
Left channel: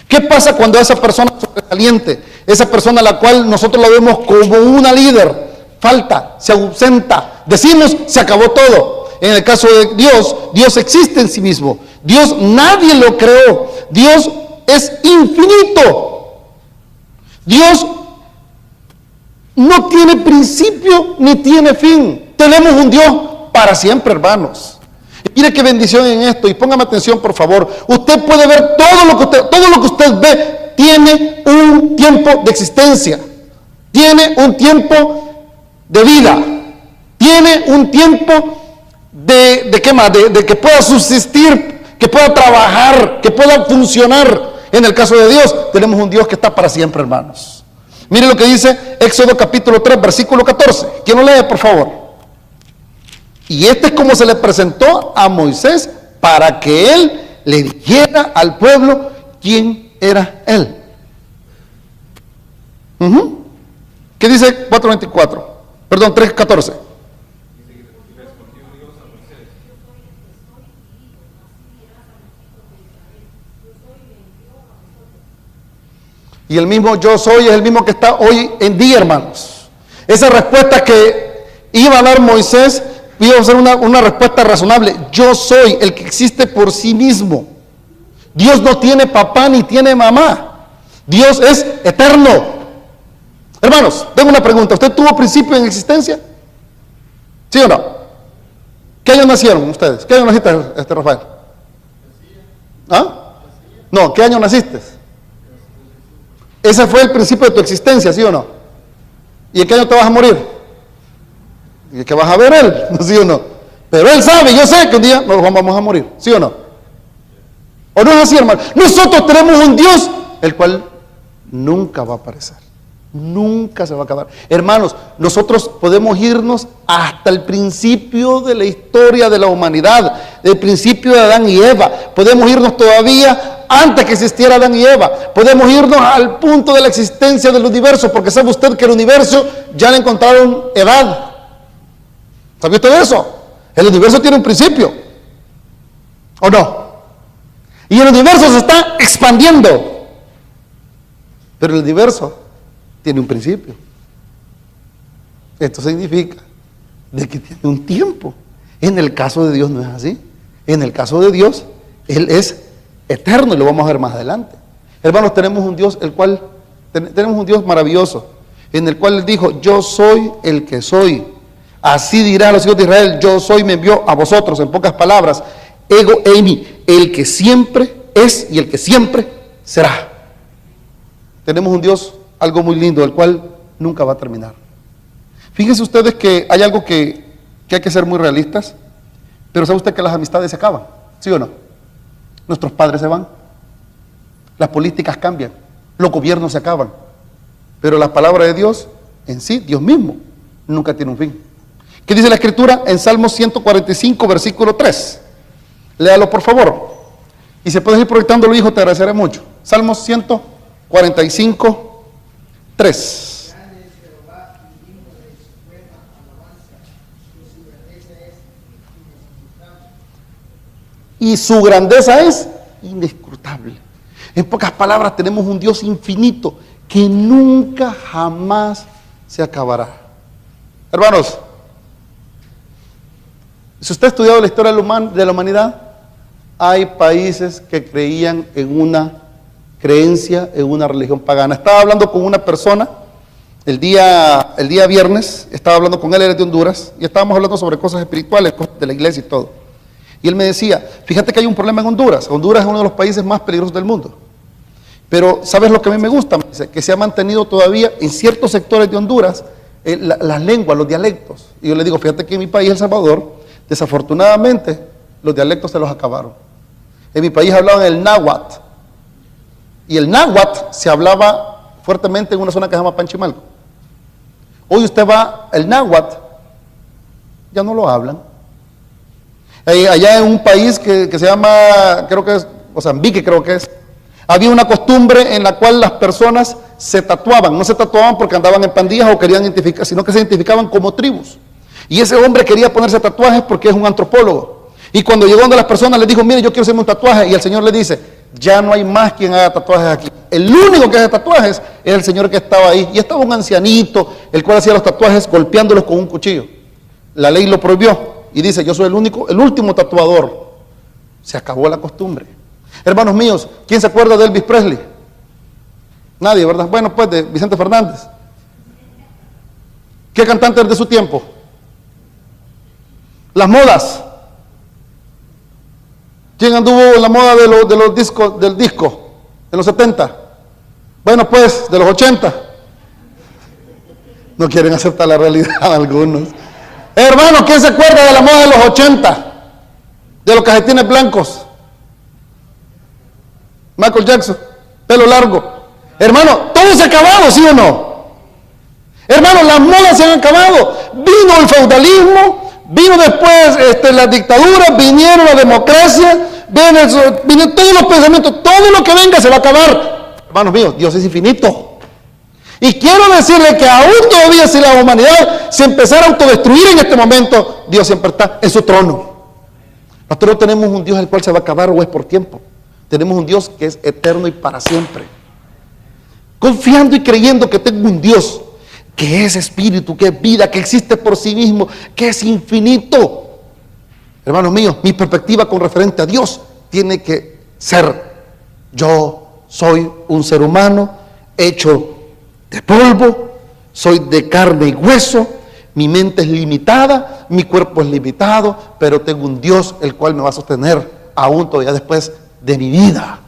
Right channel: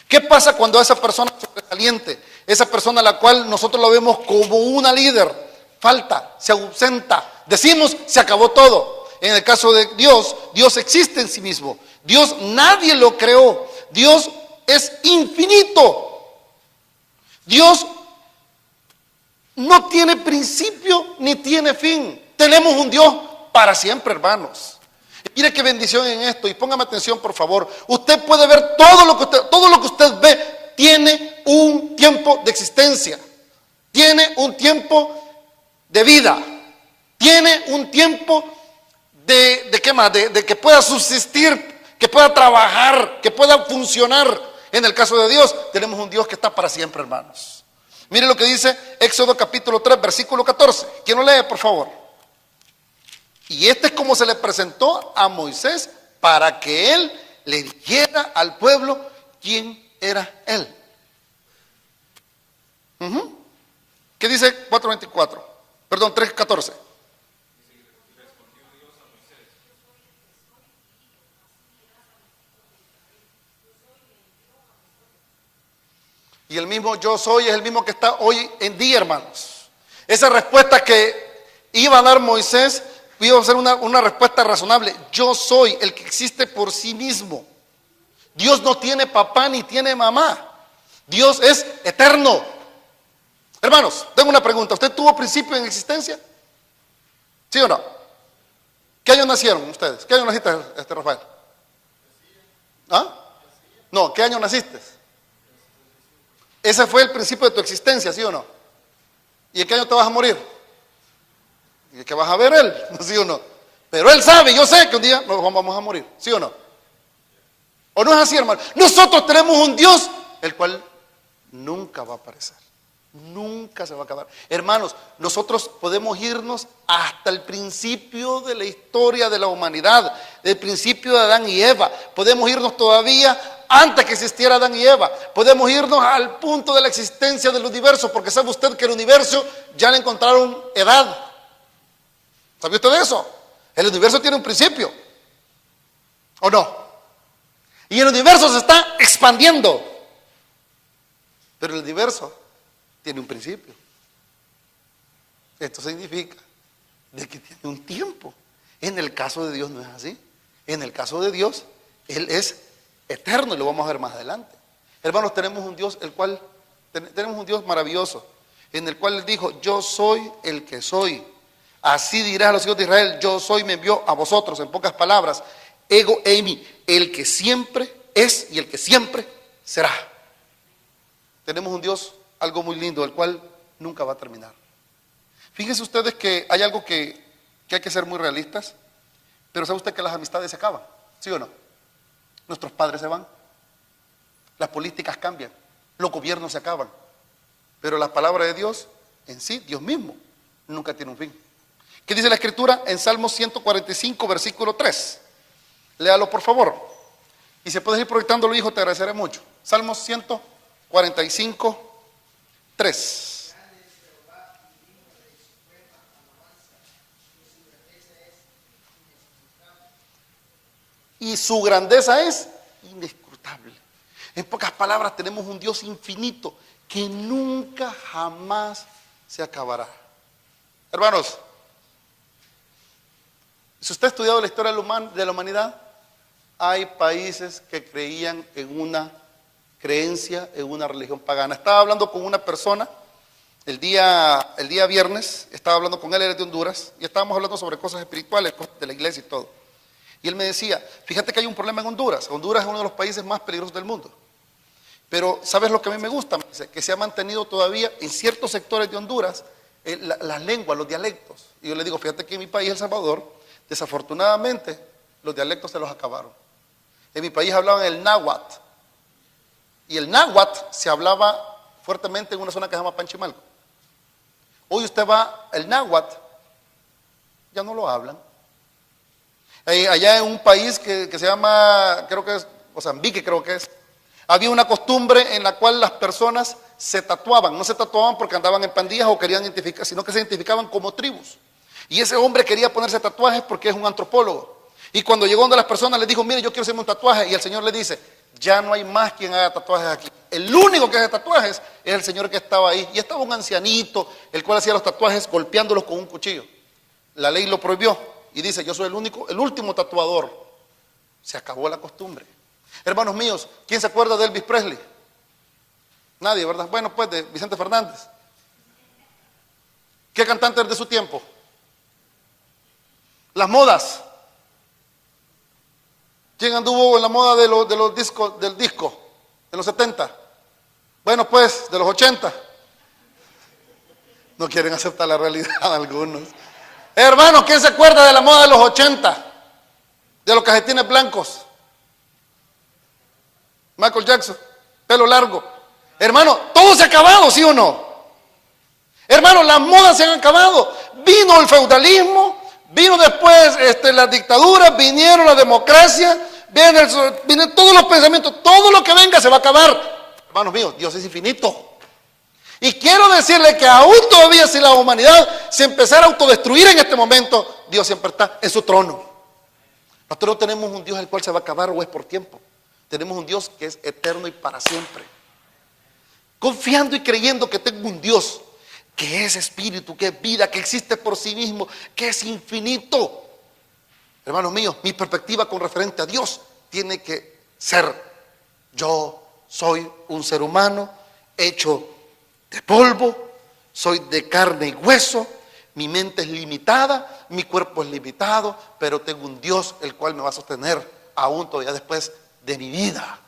¿Qué pasa cuando esa persona sobresaliente, esa persona a la cual nosotros la vemos como una líder, falta, se ausenta, decimos, se acabó todo? En el caso de Dios, Dios existe en sí mismo. Dios nadie lo creó. Dios es infinito. Dios no tiene principio ni tiene fin. Tenemos un Dios para siempre, hermanos. Y mire qué bendición en esto, y póngame atención por favor. Usted puede ver todo lo que usted ve tiene un tiempo de existencia. Tiene un tiempo de vida. Tiene un tiempo de ¿qué más? De que pueda subsistir, que pueda trabajar, que pueda funcionar. En el caso de Dios, tenemos un Dios que está para siempre, hermanos. Mire lo que dice Éxodo capítulo 3, versículo 14. ¿Quién lo lee, por favor? Y este es como se le presentó a Moisés para que él le dijera al pueblo quién era él. ¿Qué dice 4:24? Perdón, 3:14. Y el mismo yo soy es el mismo que está hoy en día, hermanos. Esa respuesta que iba a dar Moisés iba a ser una respuesta razonable. Yo soy el que existe por sí mismo. Dios no tiene papá ni tiene mamá. Dios es eterno. Hermanos, tengo una pregunta. ¿Usted tuvo principio en existencia? ¿Sí o no? ¿Qué año nacieron ustedes? ¿Qué año naciste, Rafael? ¿Ah? No, ¿qué año naciste? Ese fue el principio de tu existencia, ¿sí o no? ¿Y en qué año te vas a morir? ¿Y qué vas a ver él? ¿Sí o no? Pero él sabe, yo sé que un día nos vamos a morir, ¿sí o no? ¿O no es así, hermano? Nosotros tenemos un Dios el cual nunca va a aparecer, nunca se va a acabar. Hermanos, nosotros podemos irnos hasta el principio de la historia de la humanidad, del principio de Adán y Eva. Podemos irnos todavía antes que existiera Adán y Eva. Podemos irnos al punto de la existencia del universo, porque sabe usted que el universo ya le encontraron edad. ¿Sabe usted de eso? El universo tiene un principio, ¿o no? Y el universo se está expandiendo, pero el universo tiene un principio. Esto significa de que tiene un tiempo. En el caso de Dios no es así. En el caso de Dios, Él es eterno, y lo vamos a ver más adelante. Hermanos, tenemos un Dios tenemos un Dios maravilloso, en el cual Él dijo: yo soy el que soy. Así dirá a los hijos de Israel: yo soy, me envió a vosotros. En pocas palabras, ego eimi, el que siempre es y el que siempre será. Tenemos un Dios, algo muy lindo, el cual nunca va a terminar. Fíjense ustedes que hay algo que hay que ser muy realistas. Pero ¿sabe usted que las amistades se acaban? ¿Sí o no? Nuestros padres se van, las políticas cambian, los gobiernos se acaban, pero la palabra de Dios en sí, Dios mismo, nunca tiene un fin. ¿Qué dice la Escritura? En Salmos 145, versículo 3. Léalo por favor. Y si puedes ir proyectándolo, hijo, te agradeceré mucho. Salmos 45, 3. Y su grandeza es inescrutable. En pocas palabras, tenemos un Dios infinito que nunca jamás se acabará. Hermanos, si usted ha estudiado la historia de la humanidad, hay países que creían en una creencia, en una religión pagana. Estaba hablando con una persona el día viernes, estaba hablando con él, era de Honduras, y estábamos hablando sobre cosas espirituales, cosas de la iglesia y todo. Y él me decía, fíjate que hay un problema en Honduras. Honduras es uno de los países más peligrosos del mundo. Pero, ¿sabes lo que a mí me gusta? Me dice, que se ha mantenido todavía en ciertos sectores de Honduras las lenguas, los dialectos. Y yo le digo, fíjate que en mi país, El Salvador, desafortunadamente, los dialectos se los acabaron. En mi país hablaban el náhuatl. Y el náhuatl se hablaba fuertemente en una zona que se llama Panchimalco. Hoy usted va, el náhuatl, ya no lo hablan. Allá en un país que se llama, creo que es Mozambique, había una costumbre en la cual las personas se tatuaban. No se tatuaban porque andaban en pandillas o querían identificar, sino que se identificaban como tribus. Y ese hombre quería ponerse tatuajes porque es un antropólogo. Y cuando llegó donde las personas le dijo, mire, yo quiero hacerme un tatuaje. Y el Señor le dice, ya no hay más quien haga tatuajes aquí. El único que hace tatuajes es el señor que estaba ahí. Y estaba un ancianito, el cual hacía los tatuajes golpeándolos con un cuchillo. La ley lo prohibió. Y dice, yo soy el último tatuador. Se acabó la costumbre. Hermanos míos, ¿quién se acuerda de Elvis Presley? Nadie, ¿verdad? Bueno, pues de Vicente Fernández. ¿Qué cantante de su tiempo? Las modas. ¿Quién anduvo en la moda de los discos, del disco? De los 70. Bueno, pues, de los 80. No quieren aceptar la realidad algunos. Hermano, ¿quién se acuerda de la moda de los 80? De los cajetines blancos. Michael Jackson, pelo largo. Hermano, todo se ha acabado, ¿sí o no? Hermano, las modas se han acabado. Vino el feudalismo, vino después la dictadura, vinieron la democracia, vienen todos los pensamientos, todo lo que venga se va a acabar. Hermanos míos, Dios es infinito. Y quiero decirle que aún todavía si la humanidad se empezara a autodestruir en este momento, Dios siempre está en su trono. Nosotros no tenemos un Dios el cual se va a acabar o es por tiempo. Tenemos un Dios que es eterno y para siempre. Confiando y creyendo que tengo un Dios que es espíritu, que es vida, que existe por sí mismo, que es infinito. Hermanos míos, mi perspectiva con referente a Dios tiene que ser: yo soy un ser humano hecho de polvo, soy de carne y hueso, mi mente es limitada, mi cuerpo es limitado, pero tengo un Dios el cual me va a sostener aún todavía después de mi vida.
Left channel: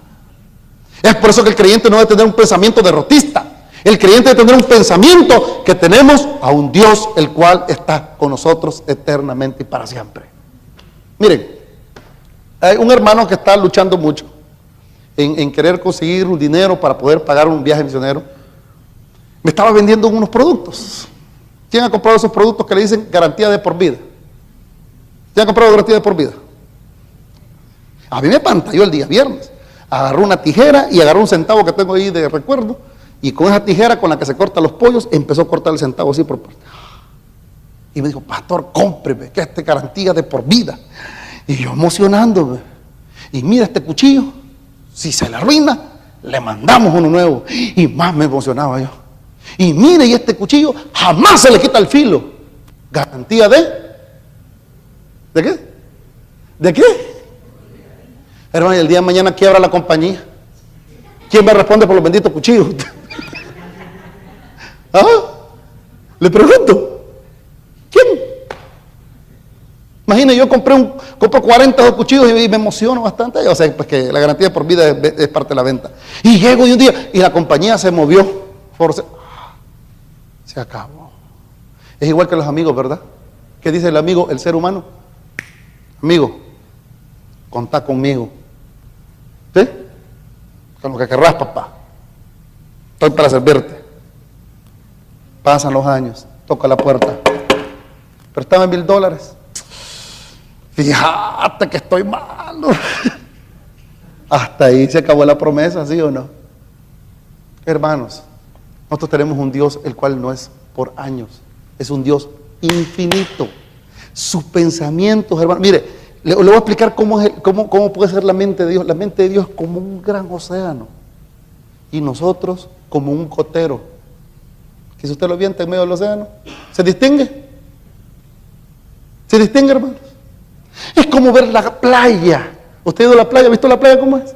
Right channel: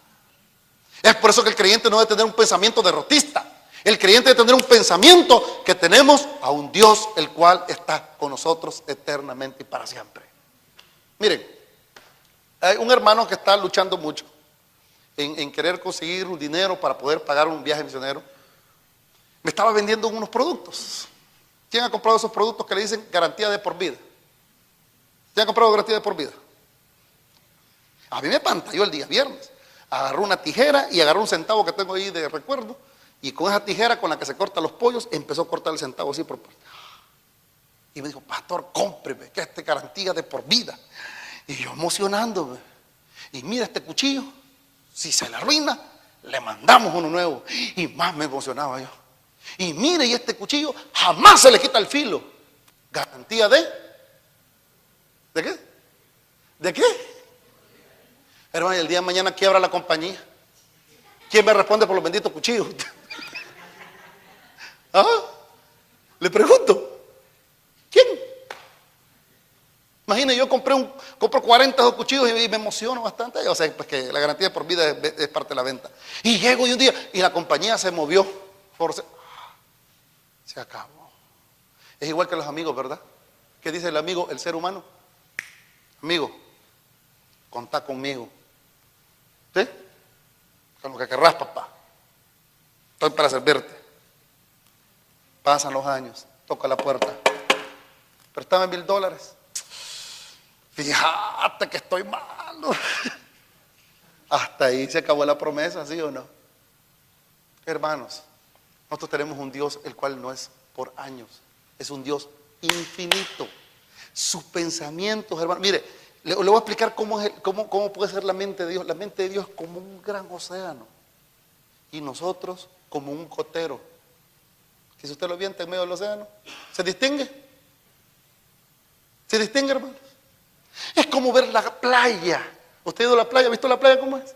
Es por eso que el creyente no debe tener un pensamiento derrotista. El creyente debe tener un pensamiento que tenemos a un Dios el cual está con nosotros eternamente y para siempre. Miren, hay un hermano que está luchando mucho en querer conseguir un dinero para poder pagar un viaje misionero. Me estaba vendiendo unos productos. ¿Quién ha comprado esos productos que le dicen garantía de por vida? ¿Quién ha comprado garantía de por vida? A mí me pantalló el día viernes. Agarró una tijera y agarró un centavo que tengo ahí de recuerdo, y con esa tijera con la que se cortan los pollos empezó a cortar el centavo así por parte. Y me dijo: pastor, cómpreme, que esta garantía de por vida. Y yo emocionándome. Y mira este cuchillo, si se le arruina, le mandamos uno nuevo. Y más me emocionaba yo. Y mire, y este cuchillo jamás se le quita el filo. Garantía ¿de qué? ¿De qué? Hermano, y el día de mañana quiebra la compañía. ¿Quién me responde por los benditos cuchillos? ¿Ah? Le pregunto, ¿quién? Imagina, yo compro 40 cuchillos y me emociono bastante. O sea, pues que la garantía por vida es parte de la venta. Y llego y un día, y la compañía se movió. Se acabó. Es igual que los amigos, ¿verdad? ¿Qué dice el amigo, el ser humano? Amigo, contá conmigo. ¿Sí? Con lo que querrás, papá. Estoy para servirte. Pasan los años, toca la puerta. Préstame $1000. Fíjate que estoy malo. Hasta ahí se acabó la promesa, ¿sí o no? Hermanos, nosotros tenemos un Dios el cual no es por años, es un Dios infinito. Sus pensamientos, hermanos, mire, le voy a explicar cómo puede ser la mente de Dios. La mente de Dios es como un gran océano y nosotros como un gotero. Que si usted lo avienta en medio del océano, ¿se distingue? ¿Se distingue, hermanos? Es como ver la playa. ¿Usted ha ido a la playa? ¿Ha visto la playa cómo es?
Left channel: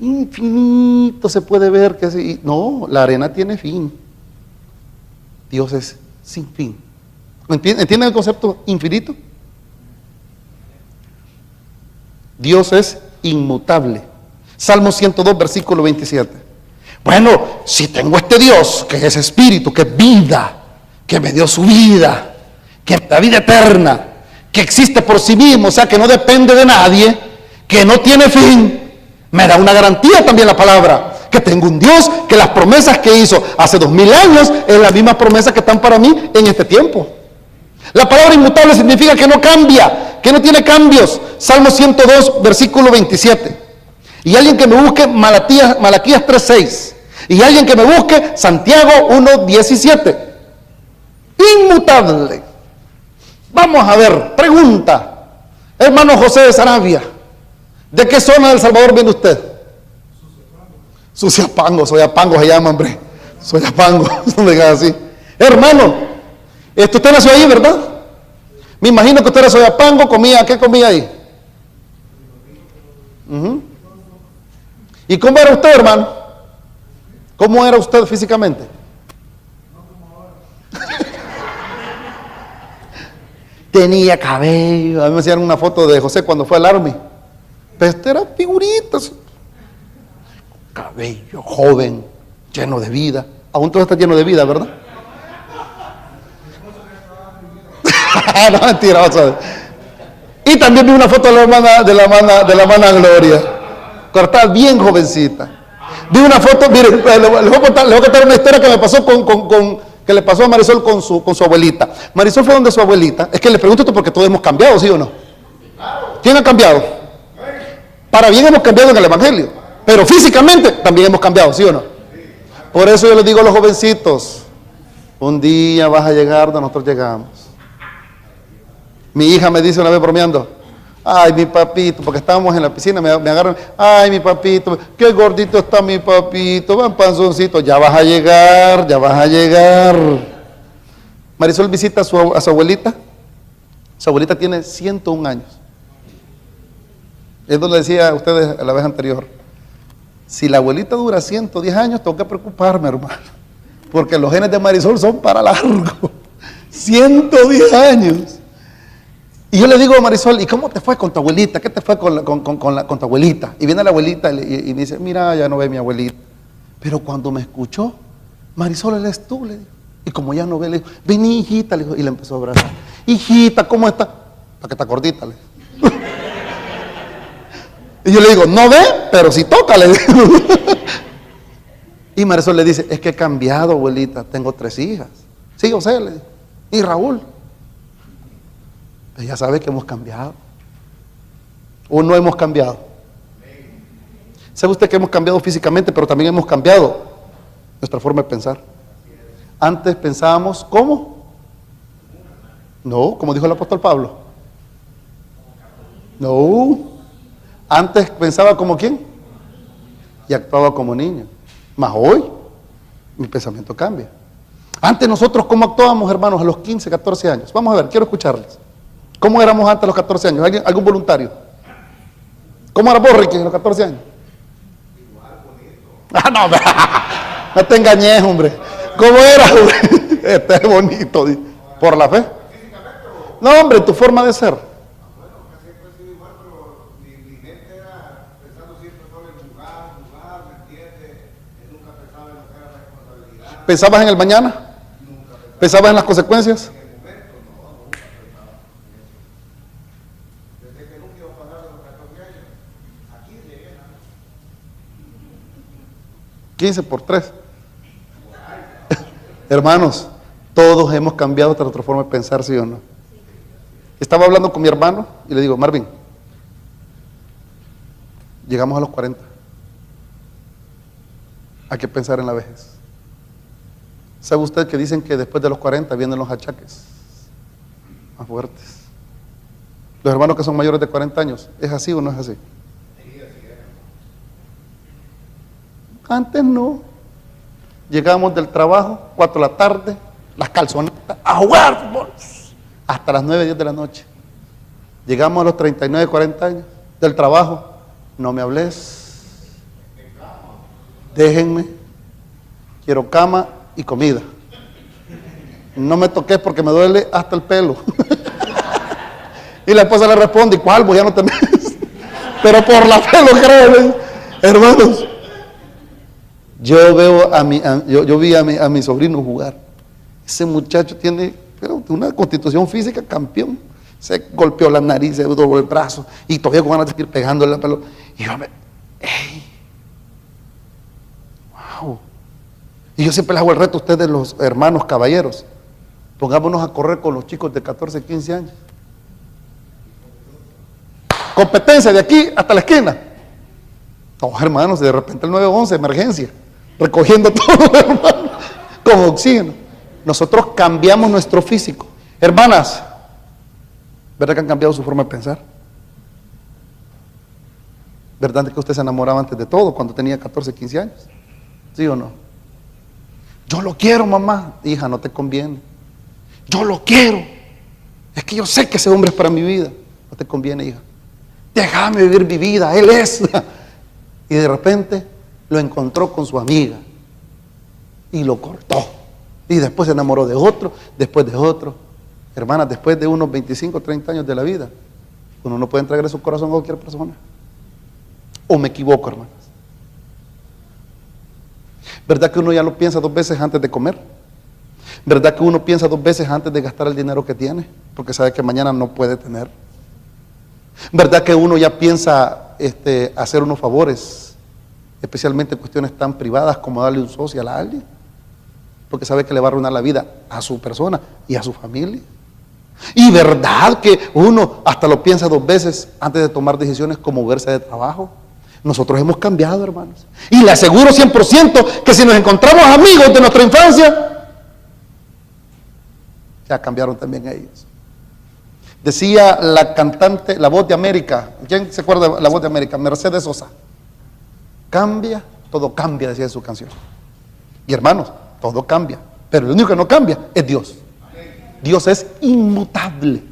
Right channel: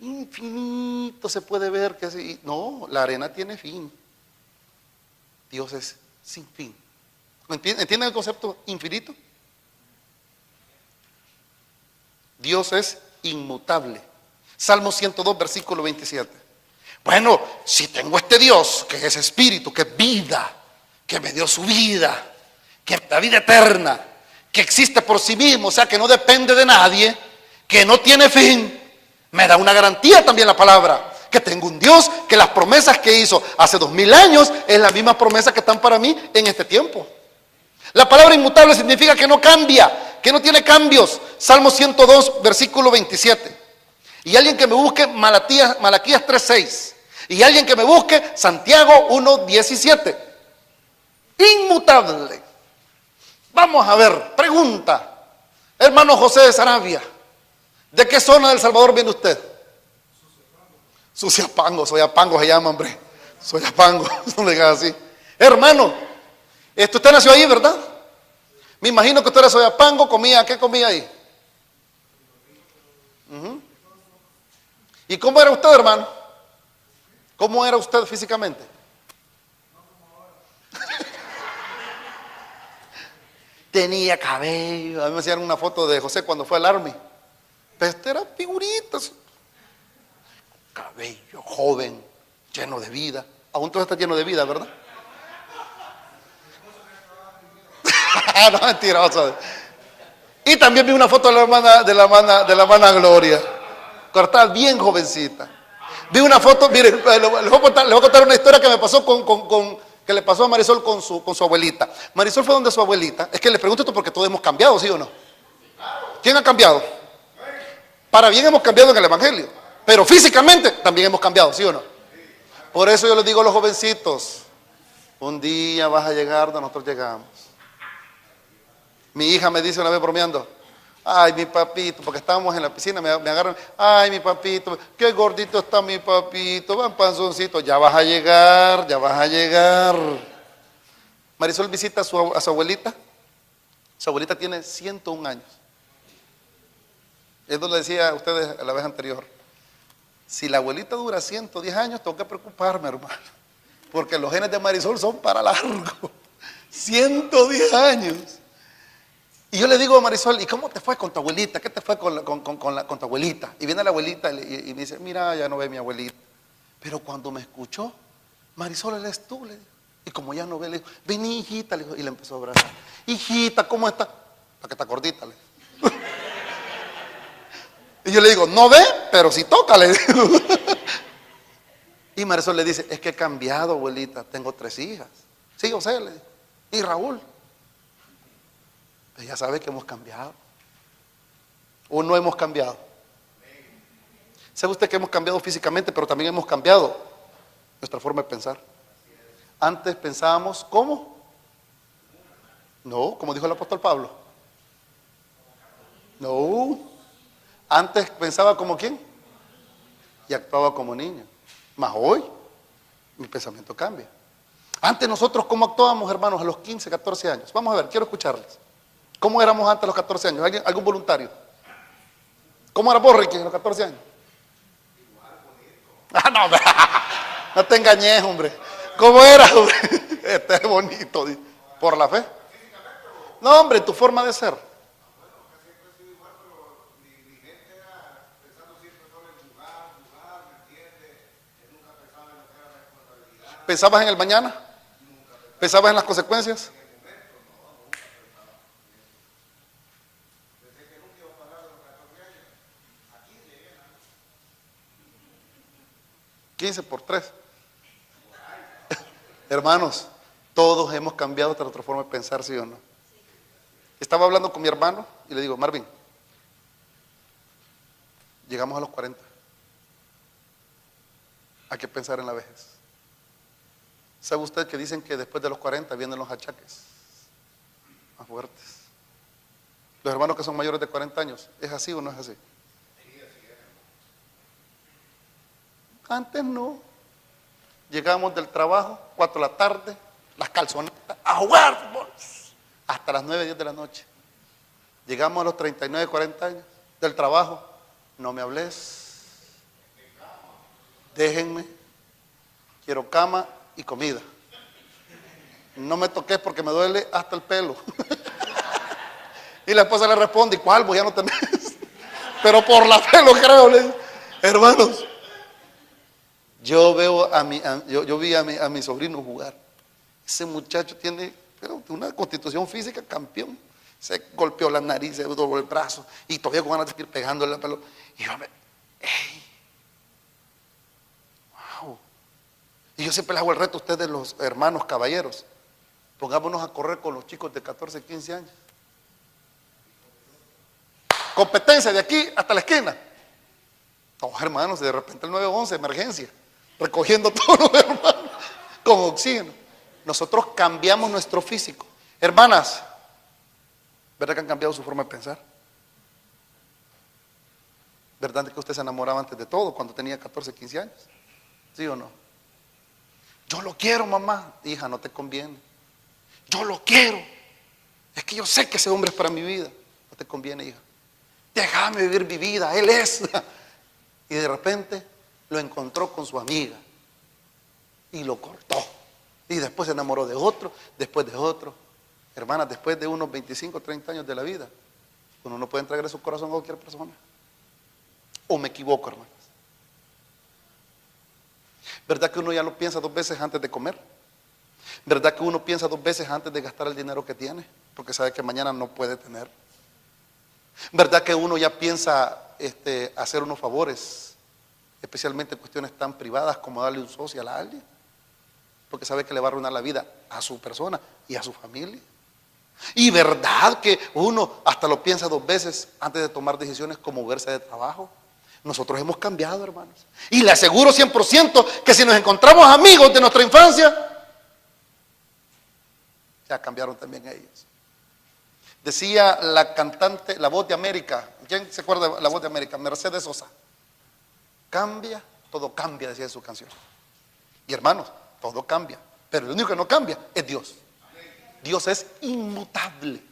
Infinito se puede ver que sí. No, la arena tiene fin. Dios es sin fin. ¿Entienden el concepto infinito? Dios es inmutable. Salmo 102, versículo 27. Bueno, si tengo este Dios, que es espíritu, que es vida, que me dio su vida, que me da vida eterna, que existe por sí mismo, o sea, que no depende de nadie, que no tiene fin, me da una garantía también la palabra, que tengo un Dios, que las promesas que hizo hace 2000 años es la misma promesa que están para mí en este tiempo. La palabra inmutable significa que no cambia, que no tiene cambios. Salmo 102, versículo 27. Y alguien que me busque Malaquías 3:6. Y alguien que me busque Santiago 1:17. Inmutable. Vamos a ver, pregunta. Hermano José de Sarabia, ¿de qué zona del Salvador viene usted? Suciapango, Soyapango se llama, hombre. Soyapango, no me digas así. Hermano, usted nació ahí, ¿verdad? Me imagino que usted era Soyapango, ¿qué comía ahí? ¿Y cómo era usted, hermano? ¿Cómo era usted físicamente? Tenía cabello. A mí me hacían una foto de José cuando fue al Army. Pero este era figuritas. Cabello, joven, lleno de vida. Aún todo está lleno de vida, ¿verdad? No, mentira, vamos a ver. Y también vi una foto de la hermana Gloria. Cortada bien jovencita. Vi una foto, mire, les voy a contar una historia que me pasó que le pasó a Marisol con su abuelita. Marisol fue donde su abuelita. Es que le pregunto esto porque todos hemos cambiado, ¿sí o no? ¿Quién ha cambiado? Para bien hemos cambiado en el Evangelio, pero físicamente también hemos cambiado, ¿sí o no? Por eso yo les digo a los jovencitos, un día vas a llegar donde nosotros llegamos. Mi hija me dice una vez bromeando, ay, mi papito, porque estábamos en la piscina, me agarran, ay, mi papito, qué gordito está mi papito, van panzoncito, ya vas a llegar, ya vas a llegar. Marisol visita a su abuelita. Su abuelita tiene 101 años. Es donde decía a ustedes la vez anterior, si la abuelita dura 110 años, tengo que preocuparme, hermano, porque los genes de Marisol son para largo. 110 años. Y yo le digo a Marisol, ¿y cómo te fue con tu abuelita? ¿Qué te fue con tu abuelita? Y viene la abuelita y me dice, mira, ya no ve mi abuelita. Pero cuando me escuchó, Marisol, eres tú, le digo. Y como ya no ve, le digo, vení, hijita, le digo, y le empezó a abrazar. Hijita, ¿cómo está? Para que está gordita, le digo. Y yo le digo, no ve, pero sí toca, le digo. Y Marisol le dice, es que he cambiado, abuelita, tengo 3 hijas. Sí, José, le digo. Y Raúl. Pero ya sabe que hemos cambiado. ¿O no hemos cambiado? ¿Sabe usted que hemos cambiado físicamente, pero también hemos cambiado nuestra forma de pensar? Antes pensábamos, ¿cómo? No, como dijo el apóstol Pablo. No. Antes pensaba como quién y actuaba como niño. Mas hoy mi pensamiento cambia. Antes nosotros, ¿cómo actuábamos, hermanos, a los 15, 14 años? Vamos a ver, quiero escucharles. ¿Cómo éramos antes a los 14 años? ¿Algún voluntario? ¿Cómo era vos, Ricky, a los 14 años? Ah, no, no te engañes, hombre. ¿Cómo era, hombre? Este es bonito. ¿Por la fe? No, hombre, tu forma de ser. ¿Pensabas en el mañana? ¿Pensabas en las consecuencias? 15 por 3. Hermanos, todos hemos cambiado nuestra forma de pensar, ¿sí o no? Estaba hablando con mi hermano y le digo, Marvin, llegamos a los 40. Hay que pensar en la vejez. ¿Sabe usted que dicen que después de los 40 vienen los achaques más fuertes? Los hermanos que son mayores de 40 años, ¿es así o no es así? Antes no. Llegamos del trabajo, 4 de la tarde, las calzonetas, a jugar fútbol, hasta las 9, 10 de la noche. Llegamos a los 39, 40 años del trabajo, no me hables, déjenme, quiero cama y comida. No me toques porque me duele hasta el pelo. Y la esposa le responde, ¿cuál? Pues ya no tenés. Pero por la fe lo creo. Hermanos, yo vi a mi sobrino jugar. Ese muchacho tiene una constitución física campeón. Se golpeó la nariz, se dobló el brazo y todavía con ganas de seguir pegándole la pelota. Y yo ¡ey! ¡Wow! Y yo siempre les hago el reto a ustedes, los hermanos caballeros. Pongámonos a correr con los chicos de 14, 15 años. Competencia de aquí hasta la esquina. No, hermanos, de repente el 911, emergencia, recogiendo todos los hermanos con oxígeno. Nosotros cambiamos nuestro físico. Hermanas, ¿verdad que han cambiado su forma de pensar? ¿Verdad que usted se enamoraba antes de todo, cuando tenía 14, 15 años? ¿Sí o no? Yo lo quiero, mamá. Hija, no te conviene. Yo lo quiero. Es que yo sé que ese hombre es para mi vida. No te conviene, hija. Déjame vivir mi vida, él es. Y de repente lo encontró con su amiga y lo cortó. Y después se enamoró de otro, después de otro. Hermanas, después de unos 25, 30 años de la vida, uno no puede entregar su corazón a cualquier persona. ¿O me equivoco, hermanas? ¿Verdad que uno ya lo piensa 2 veces antes de comer? ¿Verdad que uno piensa 2 veces antes de gastar el dinero que tiene? Porque sabe que mañana no puede tener. ¿Verdad que uno ya piensa hacer unos favores, especialmente en cuestiones tan privadas como darle un social a alguien? Porque sabe que le va a arruinar la vida a su persona y a su familia. Y verdad que uno hasta lo piensa 2 veces antes de tomar decisiones como moverse de trabajo. Nosotros hemos cambiado, hermanos. Y le aseguro 100% que si nos encontramos amigos de nuestra infancia, ya cambiaron también ellos. Decía la cantante, La Voz de América. ¿Quién se acuerda de La Voz de América? Mercedes Sosa. Cambia, todo cambia, decía en su canción. Y hermanos, todo cambia. Pero el único que no cambia es Dios. Dios es inmutable.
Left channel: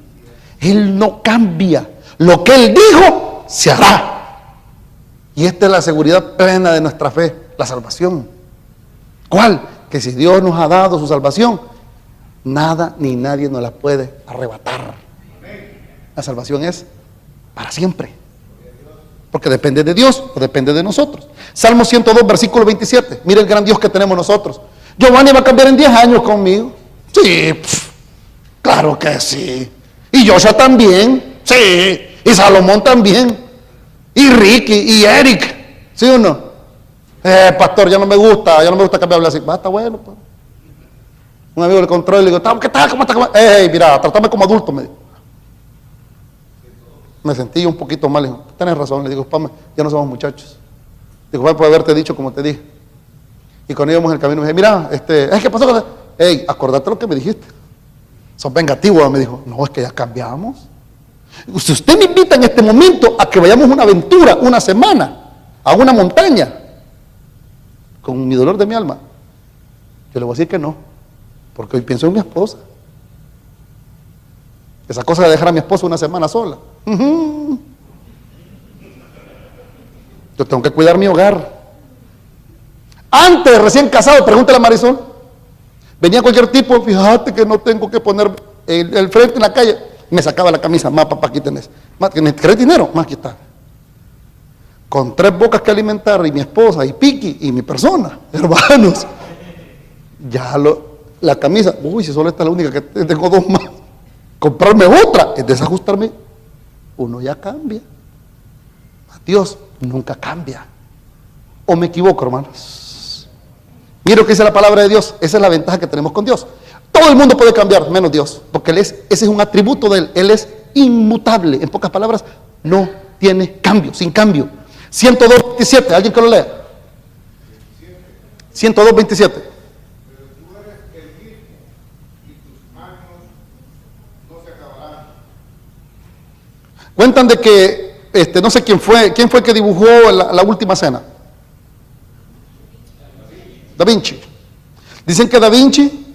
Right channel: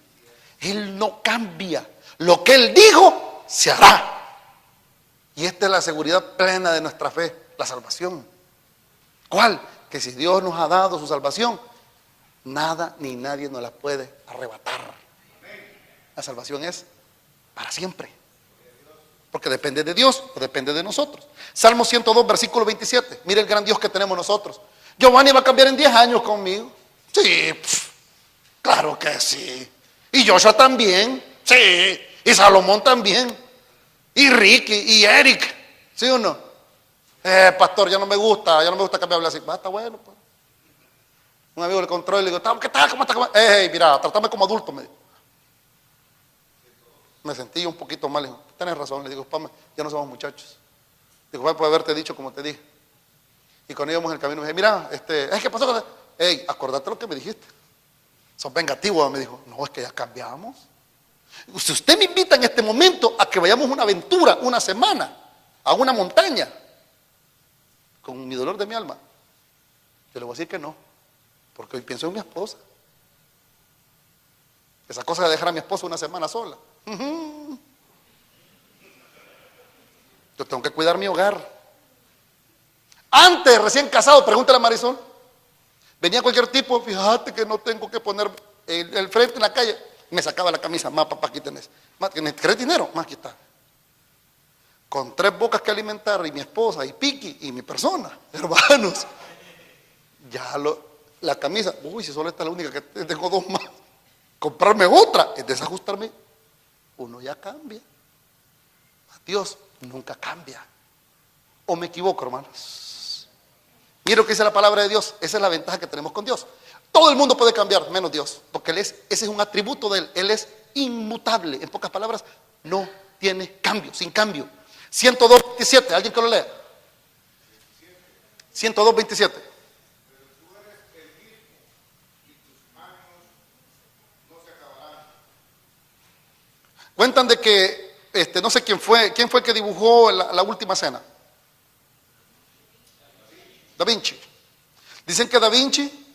Él no cambia. Lo que Él dijo, se hará. Y esta es la seguridad plena de nuestra fe, la salvación. ¿Cuál? Que si Dios nos ha dado su salvación, nada ni nadie nos la puede arrebatar. La salvación es para siempre. Porque depende de Dios o depende de nosotros. Salmo 102, versículo 27. Mira el gran Dios que tenemos nosotros. Giovanni va a cambiar en 10 años conmigo. Sí, claro que sí. Y Joshua también. Sí. Y Salomón también. Y Ricky y Eric. ¿Sí o no? Pastor, ya no me gusta que me hable así. Va, está bueno, pues. Un amigo le controla y le digo, ¿qué tal? ¿Cómo estás? Mira, trátame como adulto, me dijo. Me sentí un poquito mal, le digo, tienes razón, le digo, papá, ya no somos muchachos. Digo, papá, puede haberte dicho como te dije. Y cuando íbamos en el camino me dije, mira, ¿qué pasó? Acordate lo que me dijiste. Sos vengativo, me dijo. No, es que ya cambiamos. Si usted me invita en este momento a que vayamos a una aventura, una semana, a una montaña, con mi dolor de mi alma, yo le voy a decir que no, porque hoy pienso en mi esposa. Esa cosa de dejar a mi esposa una semana sola. Yo tengo que cuidar mi hogar. Antes, recién casado, pregúntale a Marisol. Venía cualquier tipo, fíjate que no tengo que poner el frente en la calle. Me sacaba la camisa, más papá, aquí tenés. ¿Querés dinero? Más aquí está. Con 3 bocas que alimentar, y mi esposa, y Piki, y mi persona, hermanos. Ya la camisa, uy, si solo esta es la única que tengo 2 más. Comprarme otra es desajustarme. Uno ya cambia. Dios nunca cambia. ¿O me equivoco, hermanos? Mira lo que dice la palabra de Dios. Esa es la ventaja que tenemos con Dios. Todo el mundo puede cambiar, menos Dios. Porque ese es un atributo de Él. Él es inmutable. En pocas palabras, no tiene cambio, sin cambio. 102:27, alguien que lo lea. 102:27. Pero tú eres el mismo y tus años no se acabarán. Cuentan de que, no sé quién fue el que dibujó la última cena. Da Vinci. Dicen que Da Vinci,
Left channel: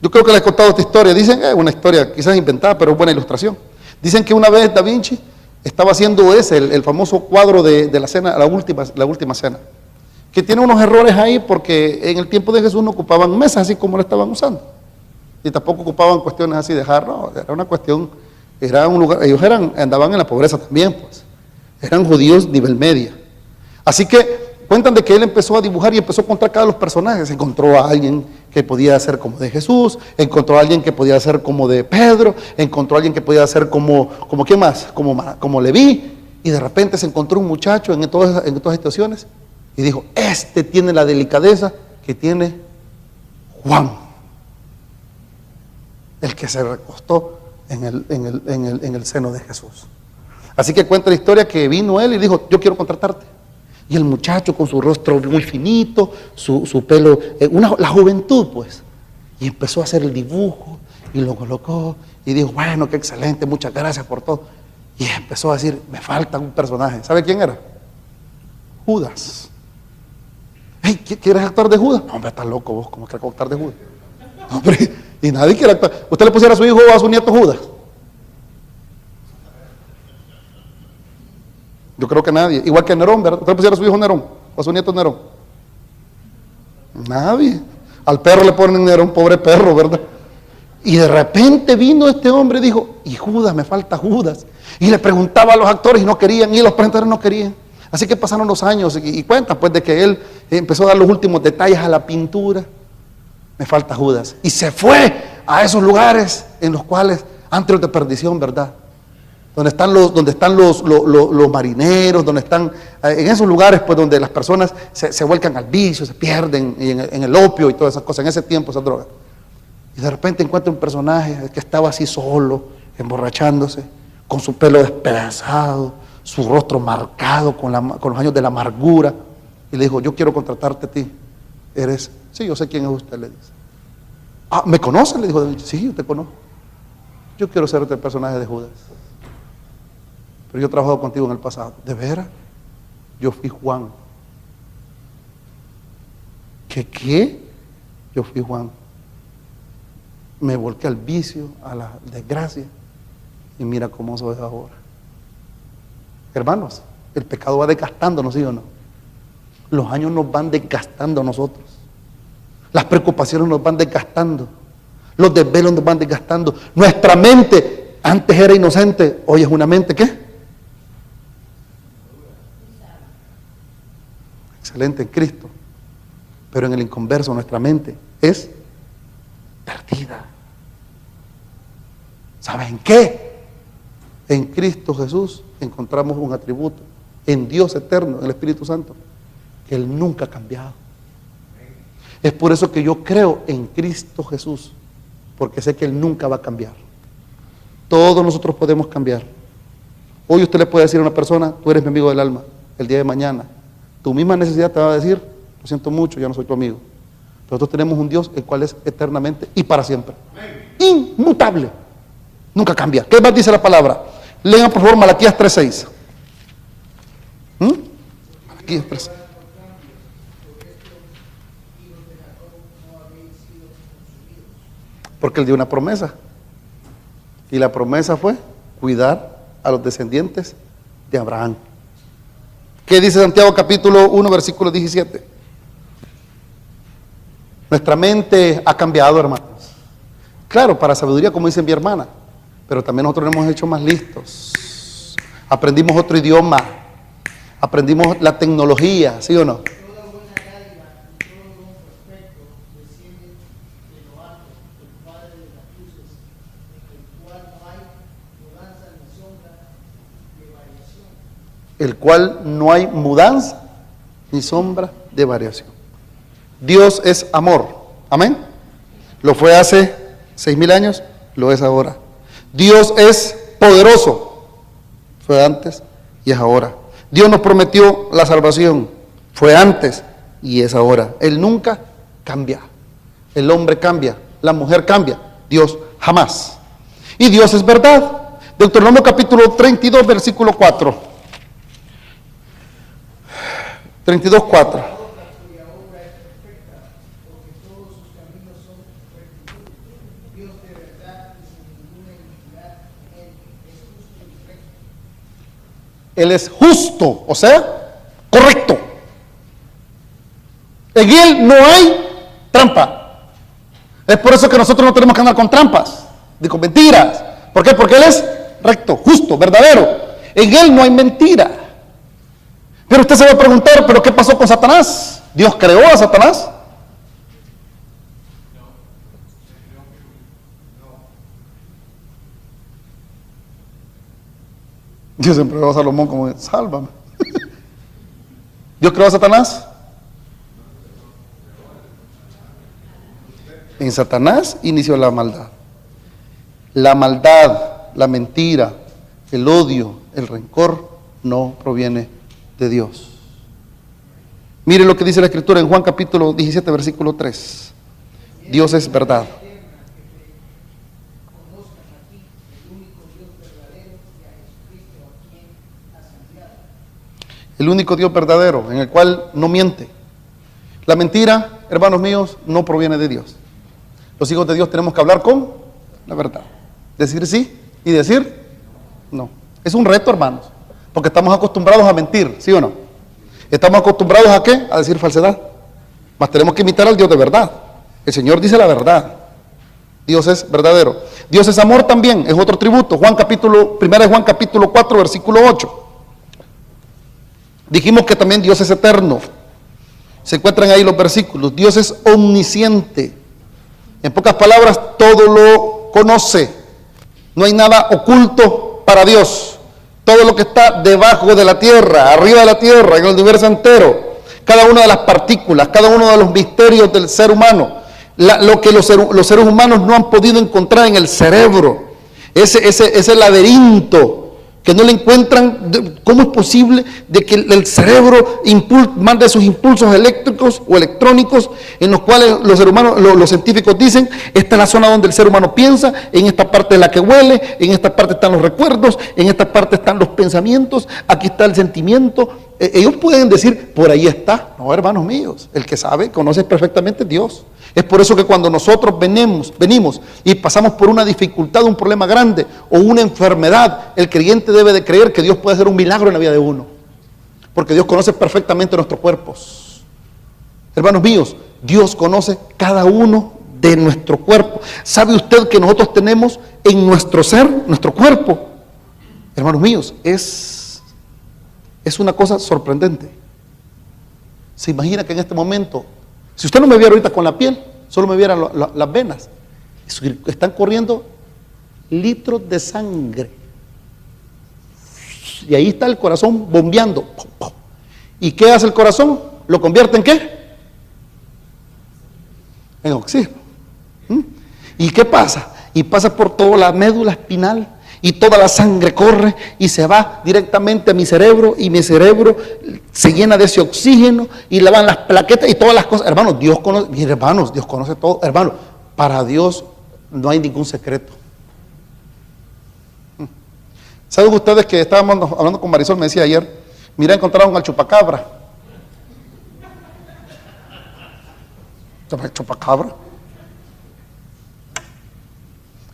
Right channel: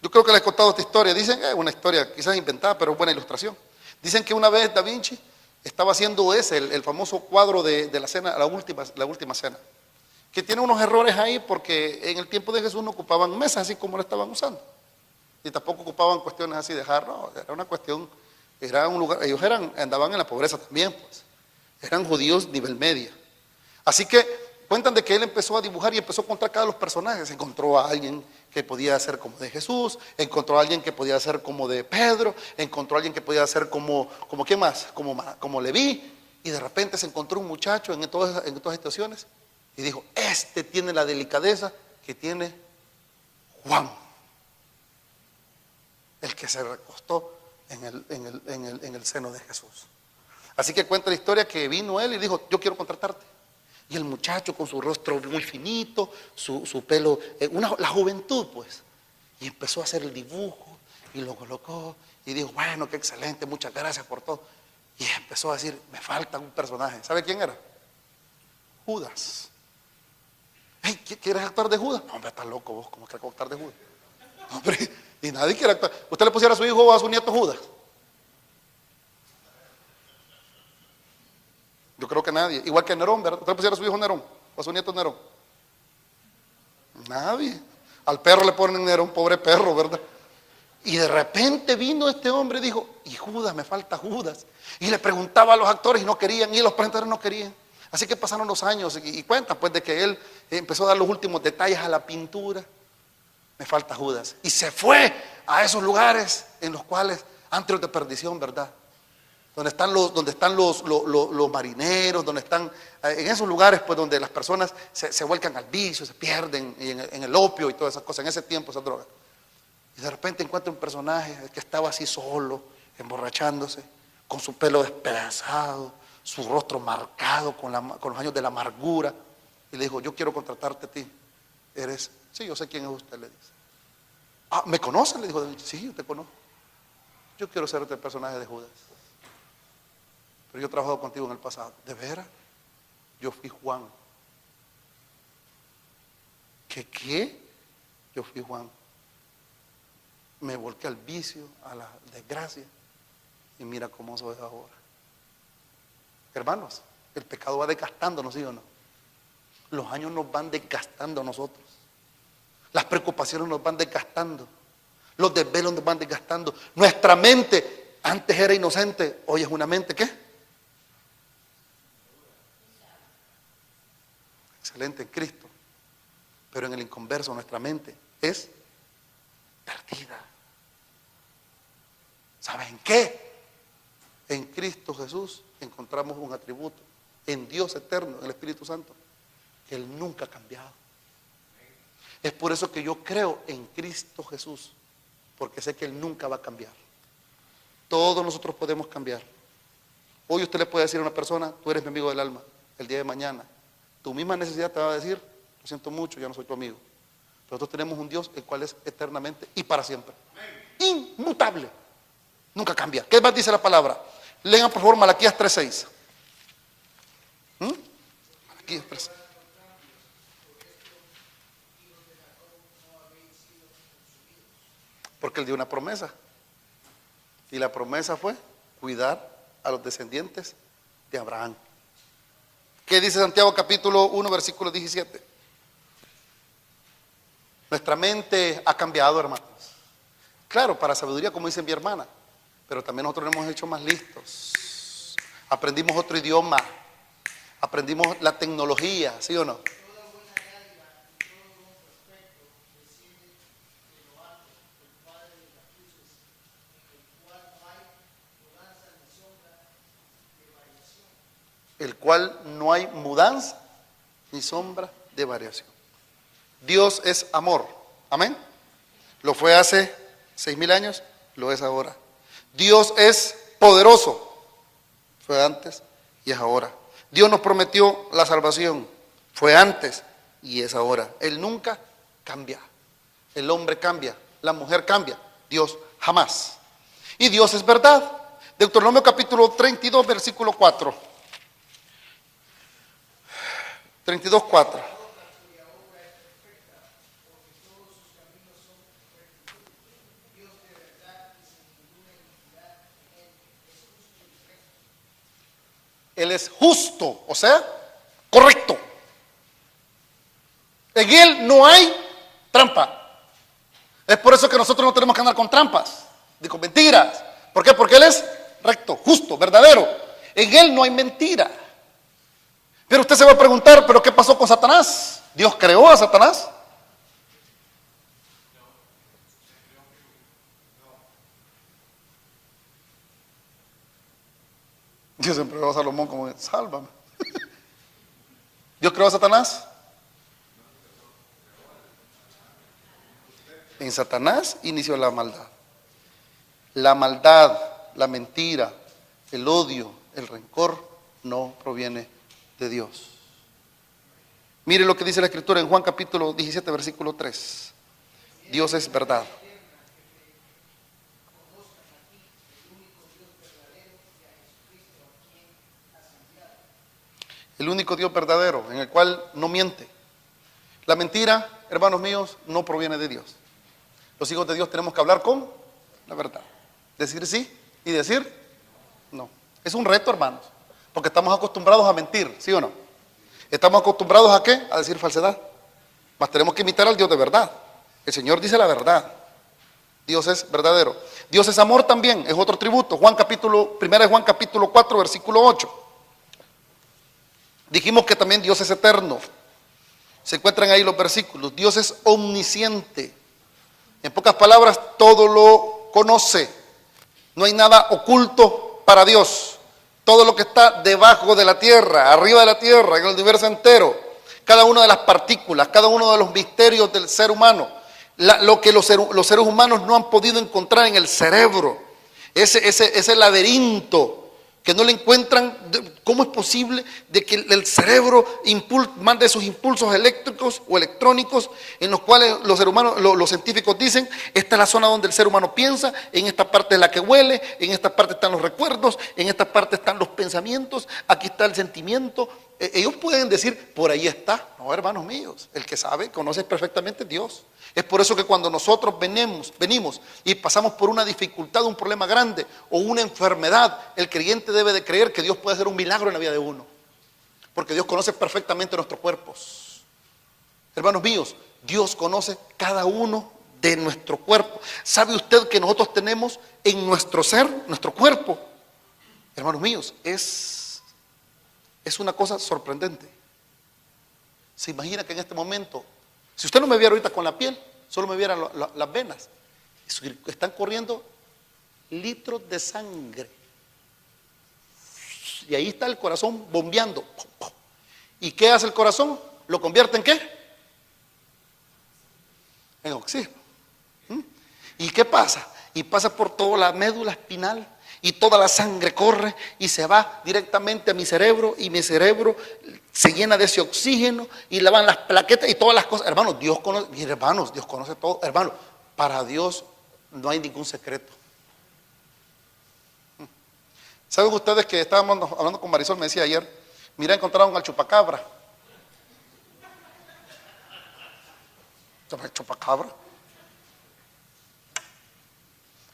yo creo que les he contado esta historia, dicen, es una historia quizás inventada, pero es buena ilustración. Dicen que una vez Da Vinci estaba haciendo el famoso cuadro de la cena, la última cena, que tiene unos errores ahí porque en el tiempo de Jesús no ocupaban mesas así como lo estaban usando, y tampoco ocupaban cuestiones así de jarro, era una cuestión, era un lugar, ellos andaban en la pobreza también, pues, eran judíos nivel media. Así que cuentan de que él empezó a dibujar y empezó a encontrar cada los personajes. Encontró a alguien que podía ser como de Jesús, encontró a alguien que podía ser como de Pedro, encontró a alguien que podía ser como ¿quién más? Como Leví, y de repente se encontró un muchacho en todas situaciones y dijo, este tiene la delicadeza que tiene Juan, el que se recostó en el seno de Jesús. Así que cuenta la historia que vino él y dijo, yo quiero contratarte. Y el muchacho con su rostro muy finito, su pelo, la juventud pues, y empezó a hacer el dibujo y lo colocó y dijo, bueno, qué excelente, muchas gracias por todo. Y empezó a decir, me falta un personaje. ¿Sabe quién era? Judas. Hey, ¿quieres actuar de Judas? No, hombre, estás loco vos, ¿cómo quieres actuar de Judas? No, hombre, y nadie quiere actuar. ¿Usted le pusiera a su hijo o a su nieto Judas? Yo creo que nadie. Igual que Nerón, ¿verdad? ¿Usted le pusiera a su hijo Nerón o a su nieto Nerón? Nadie. Al perro le ponen Nerón, pobre perro, ¿verdad? Y de repente vino este hombre y dijo, y Judas, me falta Judas. Y le preguntaba a los actores y no querían, y los presentadores no querían. Así que pasaron los años y cuentan pues de que él empezó a dar los últimos detalles a la pintura. Me falta Judas. Y se fue a esos lugares en los cuales, antes de perdición, ¿verdad? Donde están los marineros, donde están, en esos lugares pues donde las personas se vuelcan al vicio, se pierden en el opio y todas esas cosas, en ese tiempo esas drogas. Y de repente encuentra un personaje que estaba así solo, emborrachándose, con su pelo despedazado, su rostro marcado con los años de la amargura. Y le dijo, yo quiero contratarte a ti. Sí, yo sé quién es usted, le dice. Ah, ¿me conoce? Le dijo, sí, yo te conozco. Yo quiero ser el personaje de Judas. Pero yo he trabajado contigo en el pasado. ¿De veras? Yo fui Juan. ¿Qué? Yo fui Juan. Me volqué al vicio, a la desgracia. Y mira cómo soy ahora. Hermanos, el pecado va desgastándonos, ¿sí o no? Los años nos van desgastando a nosotros. Las preocupaciones nos van desgastando. Los desvelos nos van desgastando. Nuestra mente antes era inocente, hoy es una mente, ¿qué? Excelente en Cristo, pero en el inconverso nuestra mente es perdida. ¿Saben qué? En Cristo Jesús encontramos un atributo, en Dios eterno, en el Espíritu Santo, que Él nunca ha cambiado. Es por eso que yo creo en Cristo Jesús, porque sé que Él nunca va a cambiar. Todos nosotros podemos cambiar. Hoy usted le puede decir a una persona, tú eres mi amigo del alma. El día de mañana tu misma necesidad te va a decir, lo siento mucho, ya no soy tu amigo. Pero nosotros tenemos un Dios el cual es eternamente y para siempre. Inmutable. Nunca cambia. ¿Qué más dice la palabra? Lean por favor Malaquías 3:6. Malaquías 3:6. Porque Él dio una promesa. Y la promesa fue cuidar a los descendientes de Abraham. ¿Qué dice Santiago capítulo 1 versículo 17? Nuestra mente ha cambiado, hermanos. Claro, para sabiduría, como dice mi hermana, pero también nosotros nos hemos hecho más listos. Aprendimos otro idioma, aprendimos la tecnología, ¿sí o no? Toda buena dádiva y todo buen prospecto desciende de lo alto, del Padre de las luces, en el cual no hay mudanza ni sombra de variación. El cual no hay mudanza ni sombra de variación. Dios es amor, amén. Lo fue hace 6,000 años, lo es ahora. Dios es poderoso, fue antes y es ahora. Dios nos prometió la salvación, fue antes y es ahora. Él nunca cambia. El hombre cambia, la mujer cambia, Dios jamás. Y Dios es verdad. Deuteronomio capítulo 32, versículo 4. 32, 4. Él es justo, o sea, correcto. En Él no hay trampa. Es por eso que nosotros no tenemos que andar con trampas, ni con mentiras. ¿Por qué? Porque Él es recto, justo, verdadero. En Él no hay mentira. Pero usted se va a preguntar, ¿pero qué pasó con Satanás? ¿Dios creó a Satanás? Dios siempre va a Salomón como, sálvame. ¿Dios creó a Satanás? En Satanás inició la maldad. La maldad, la mentira, el odio, el rencor no proviene de Dios. Mire lo que dice la Escritura en Juan capítulo 17, versículo 3. Dios es verdad. El único Dios verdadero, en el cual no miente. La mentira, hermanos míos, no proviene de Dios. Los hijos de Dios tenemos que hablar con la verdad. Decir sí y decir no. Es un reto, hermanos, porque estamos acostumbrados a mentir, ¿sí o no? Estamos acostumbrados ¿a qué? A decir falsedad. Mas tenemos que imitar al Dios de verdad. El Señor dice la verdad. Dios es verdadero. Dios es amor también, es otro tributo. Primera de Juan capítulo 4, versículo 8. Dijimos que también Dios es eterno. Se encuentran ahí los versículos. Dios es omnisciente. En pocas palabras, todo lo conoce. No hay nada oculto para Dios. Todo lo que está debajo de la tierra, arriba de la tierra, en el universo entero, cada una de las partículas, cada uno de los misterios del ser humano, lo que los seres humanos no han podido encontrar en el cerebro, ese laberinto que no le encuentran. ¿Cómo es posible de que el cerebro mande sus impulsos eléctricos o electrónicos, en los cuales los científicos dicen, esta es la zona donde el ser humano piensa, en esta parte es la que huele, en esta parte están los recuerdos, en esta parte están los pensamientos, aquí está el sentimiento? Ellos pueden decir, por ahí está. No, hermanos míos, el que sabe, conoce perfectamente Dios. Es por eso que cuando nosotros venimos y pasamos por una dificultad, un problema grande o una enfermedad, el creyente debe de creer que Dios puede hacer un milagro en la vida de uno, porque Dios conoce perfectamente nuestros cuerpos. Hermanos míos, Dios conoce cada uno de nuestro cuerpo. ¿Sabe usted que nosotros tenemos en nuestro ser, nuestro cuerpo? Hermanos míos, es una cosa sorprendente. Se imagina que en este momento, si usted no me viera ahorita con la piel, solo me viera las venas, están corriendo litros de sangre. Y ahí está el corazón bombeando. ¿Y qué hace el corazón? ¿Lo convierte en qué? En oxígeno. ¿Y qué pasa? Y pasa por toda la médula espinal, y toda la sangre corre y se va directamente a mi cerebro, y mi cerebro se llena de ese oxígeno y le van las plaquetas y todas las cosas. Hermanos, Dios conoce, mis hermanos, Dios conoce todo. Hermanos, para Dios no hay ningún secreto. ¿Saben ustedes que estábamos hablando con Marisol? Me decía ayer, mira, encontraron al chupacabra. ¿Chupacabra?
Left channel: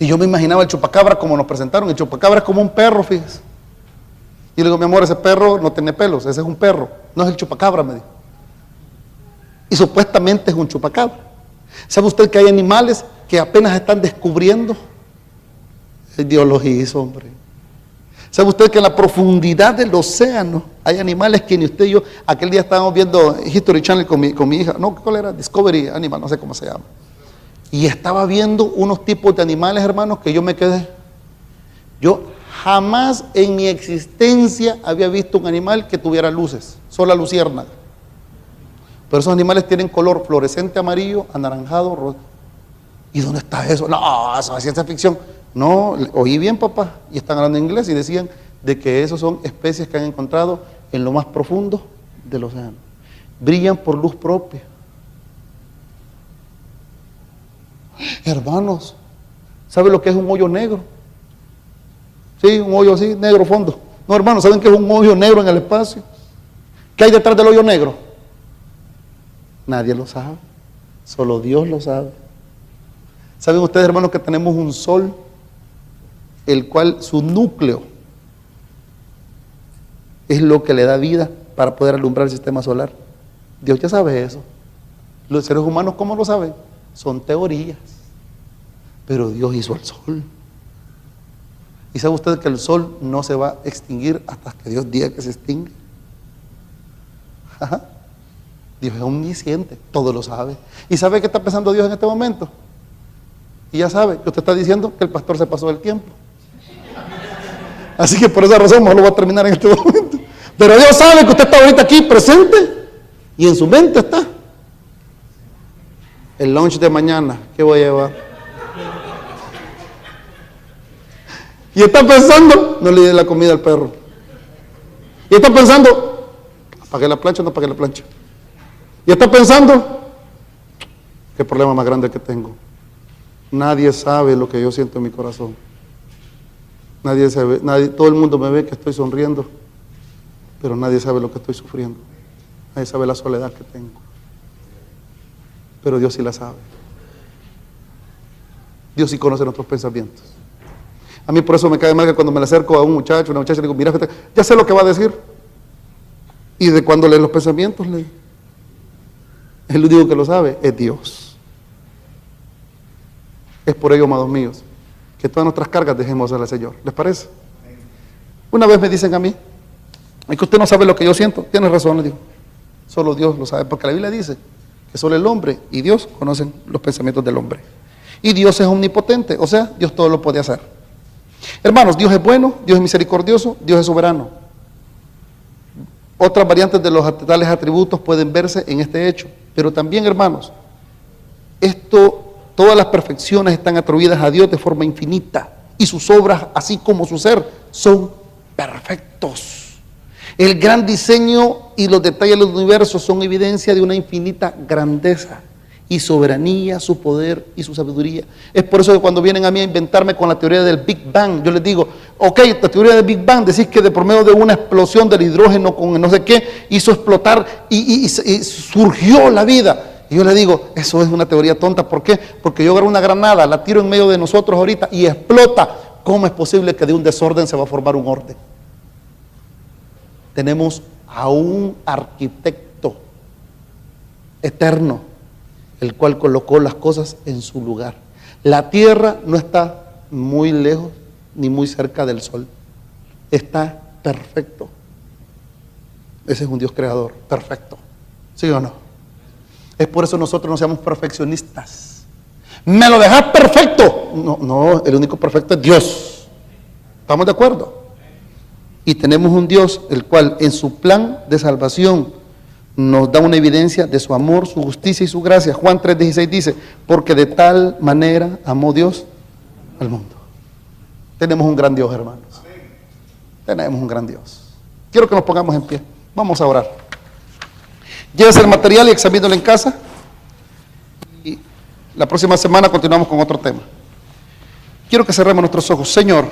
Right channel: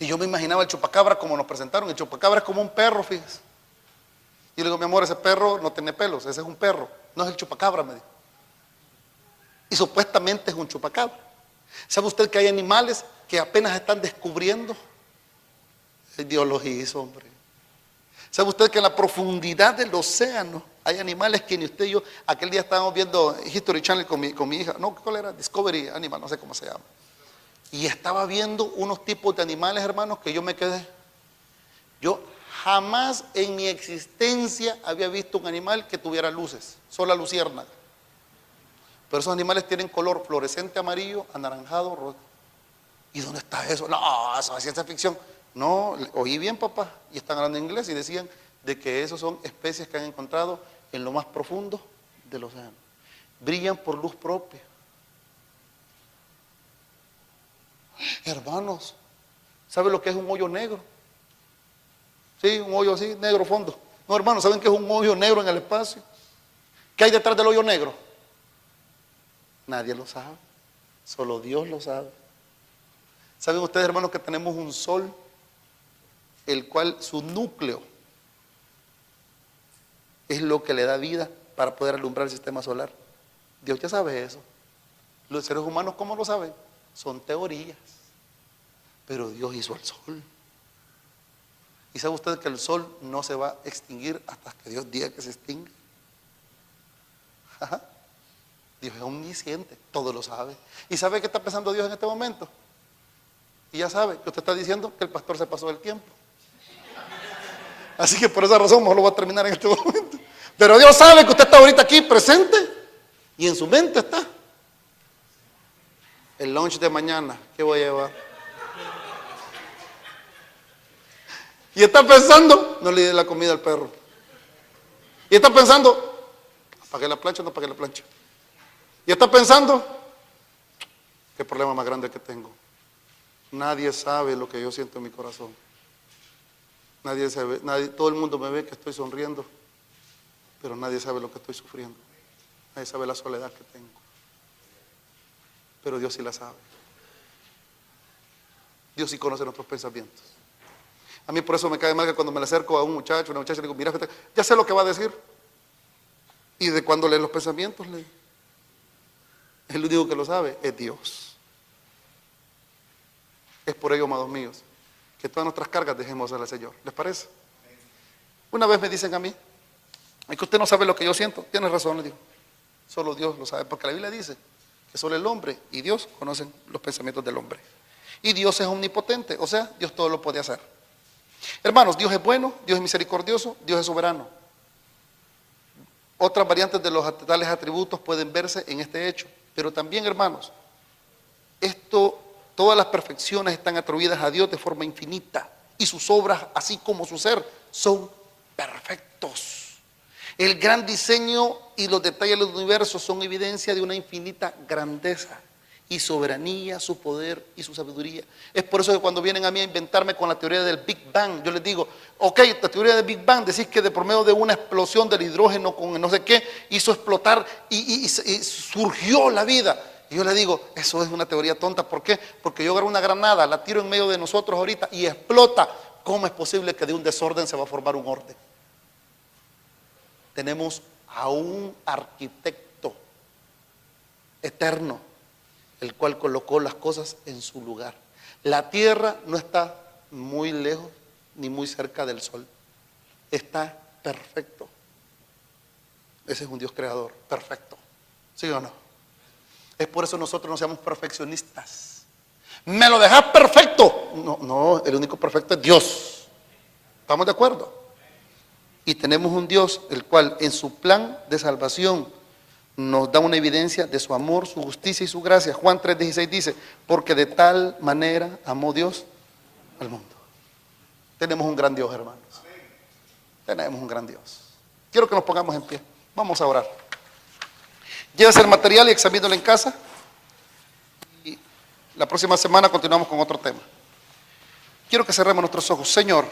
Y yo me imaginaba el chupacabra como nos presentaron. El chupacabra es como un perro, fíjese. Y le digo, mi amor, ese perro no tiene pelos, ese es un perro, no es el chupacabra, me dijo. Y supuestamente es un chupacabra. ¿Sabe usted que hay animales que apenas están descubriendo? Dios los hizo, hombre. ¿Sabe usted que en la profundidad del océano hay animales que ni usted y yo? Aquel día estábamos viendo History Channel con mi hija. No, ¿cuál era? Discovery Animal, no sé cómo se llama. Y estaba viendo unos tipos de animales, hermanos, que yo me quedé. Yo jamás en mi existencia había visto un animal que tuviera luces, solo la luciérnaga. Pero esos animales tienen color fluorescente amarillo, anaranjado, rojo. ¿Y dónde está eso? No, eso es ciencia ficción. No, oí bien, papá, y están hablando en inglés y decían de que esos son especies que han encontrado en lo más profundo del océano. brillan por luz propia. Hermanos, ¿saben lo que es un hoyo negro? Sí, un hoyo así, negro fondo. No, hermanos, ¿saben qué es un hoyo negro en el espacio? ¿Qué hay detrás del hoyo negro? Nadie lo sabe, solo Dios lo sabe. ¿Saben ustedes, hermanos, que tenemos un sol, el cual su núcleo es lo que le da vida para poder alumbrar el sistema solar? Dios ya sabe eso. Los seres humanos, ¿cómo lo saben? Son teorías. Pero Dios hizo el sol. ¿Y sabe usted que el sol no se va a extinguir hasta que Dios diga que se extingue? Ajá. Dios es omnisciente, todo lo sabe. ¿Y sabe qué está pensando Dios en este momento? Y ya sabe que usted está diciendo que el pastor se pasó del tiempo. Así que por esa razón mejor lo voy a terminar en este momento. Pero Dios sabe que usted está ahorita aquí presente y en su mente está el lunch de mañana, ¿qué voy a llevar? Y está pensando, no le dé la comida al perro. Y está pensando, ¿apagué la plancha o no apagué la plancha? Y está pensando, ¿qué problema más grande que tengo? Nadie sabe lo que yo siento en mi corazón. Nadie sabe, todo el mundo me ve que estoy sonriendo, pero nadie sabe lo que estoy sufriendo. Nadie sabe la soledad que tengo. Pero Dios sí la sabe. Dios sí conoce nuestros pensamientos. A mí por eso me cae mal que cuando me le acerco a un muchacho, una muchacha, le digo, mira, ya sé lo que va a decir. Y de cuando lee los pensamientos, el único que lo sabe es Dios. Es por ello, amados míos, que todas nuestras cargas dejemos al Señor. ¿Les parece? Una vez me dicen a mí, es que usted no sabe lo que yo siento. Tiene razón, le digo. Solo Dios lo sabe, porque la Biblia dice que solo el hombre y Dios conocen los pensamientos del hombre. Y Dios es omnipotente, o sea, Dios todo lo puede hacer. Hermanos, Dios es bueno, Dios es misericordioso, Dios es soberano. Otras variantes de los tales atributos pueden verse en este hecho. Pero también, hermanos, todas las perfecciones están atribuidas a Dios de forma infinita. Y sus obras, así como su ser, son perfectos. El gran diseño y los detalles del universo son evidencia de una infinita grandeza y soberanía, su poder y su sabiduría. Es por eso que cuando vienen a mí a inventarme con la teoría del Big Bang, yo les digo, ok, la teoría del Big Bang, decís que de por medio de una explosión del hidrógeno con no sé qué, hizo explotar y surgió la vida. Y yo le digo, eso es una teoría tonta. ¿Por qué? Porque yo agarro una granada, la tiro en medio de nosotros ahorita y explota. ¿Cómo es posible que de un desorden se va a formar un orden? Tenemos a un arquitecto eterno, el cual colocó las cosas en su lugar. La tierra no está muy lejos ni muy cerca del sol. Está perfecto. Ese es un Dios creador, perfecto. ¿Sí o no? Es por eso nosotros no seamos perfeccionistas. ¿Me lo dejas perfecto? No, el único perfecto es Dios. ¿Estamos de acuerdo? Y tenemos un Dios el cual en su plan de salvación nos da una evidencia de su amor, su justicia y su gracia. Juan 3:16 dice, porque de tal manera amó Dios al mundo. Tenemos un gran Dios, hermanos. Tenemos un gran Dios. Quiero que nos pongamos en pie. Vamos a orar. Llévese el material y examínelo en casa. Y la próxima semana continuamos con otro tema. Quiero que cerremos nuestros ojos. Señor,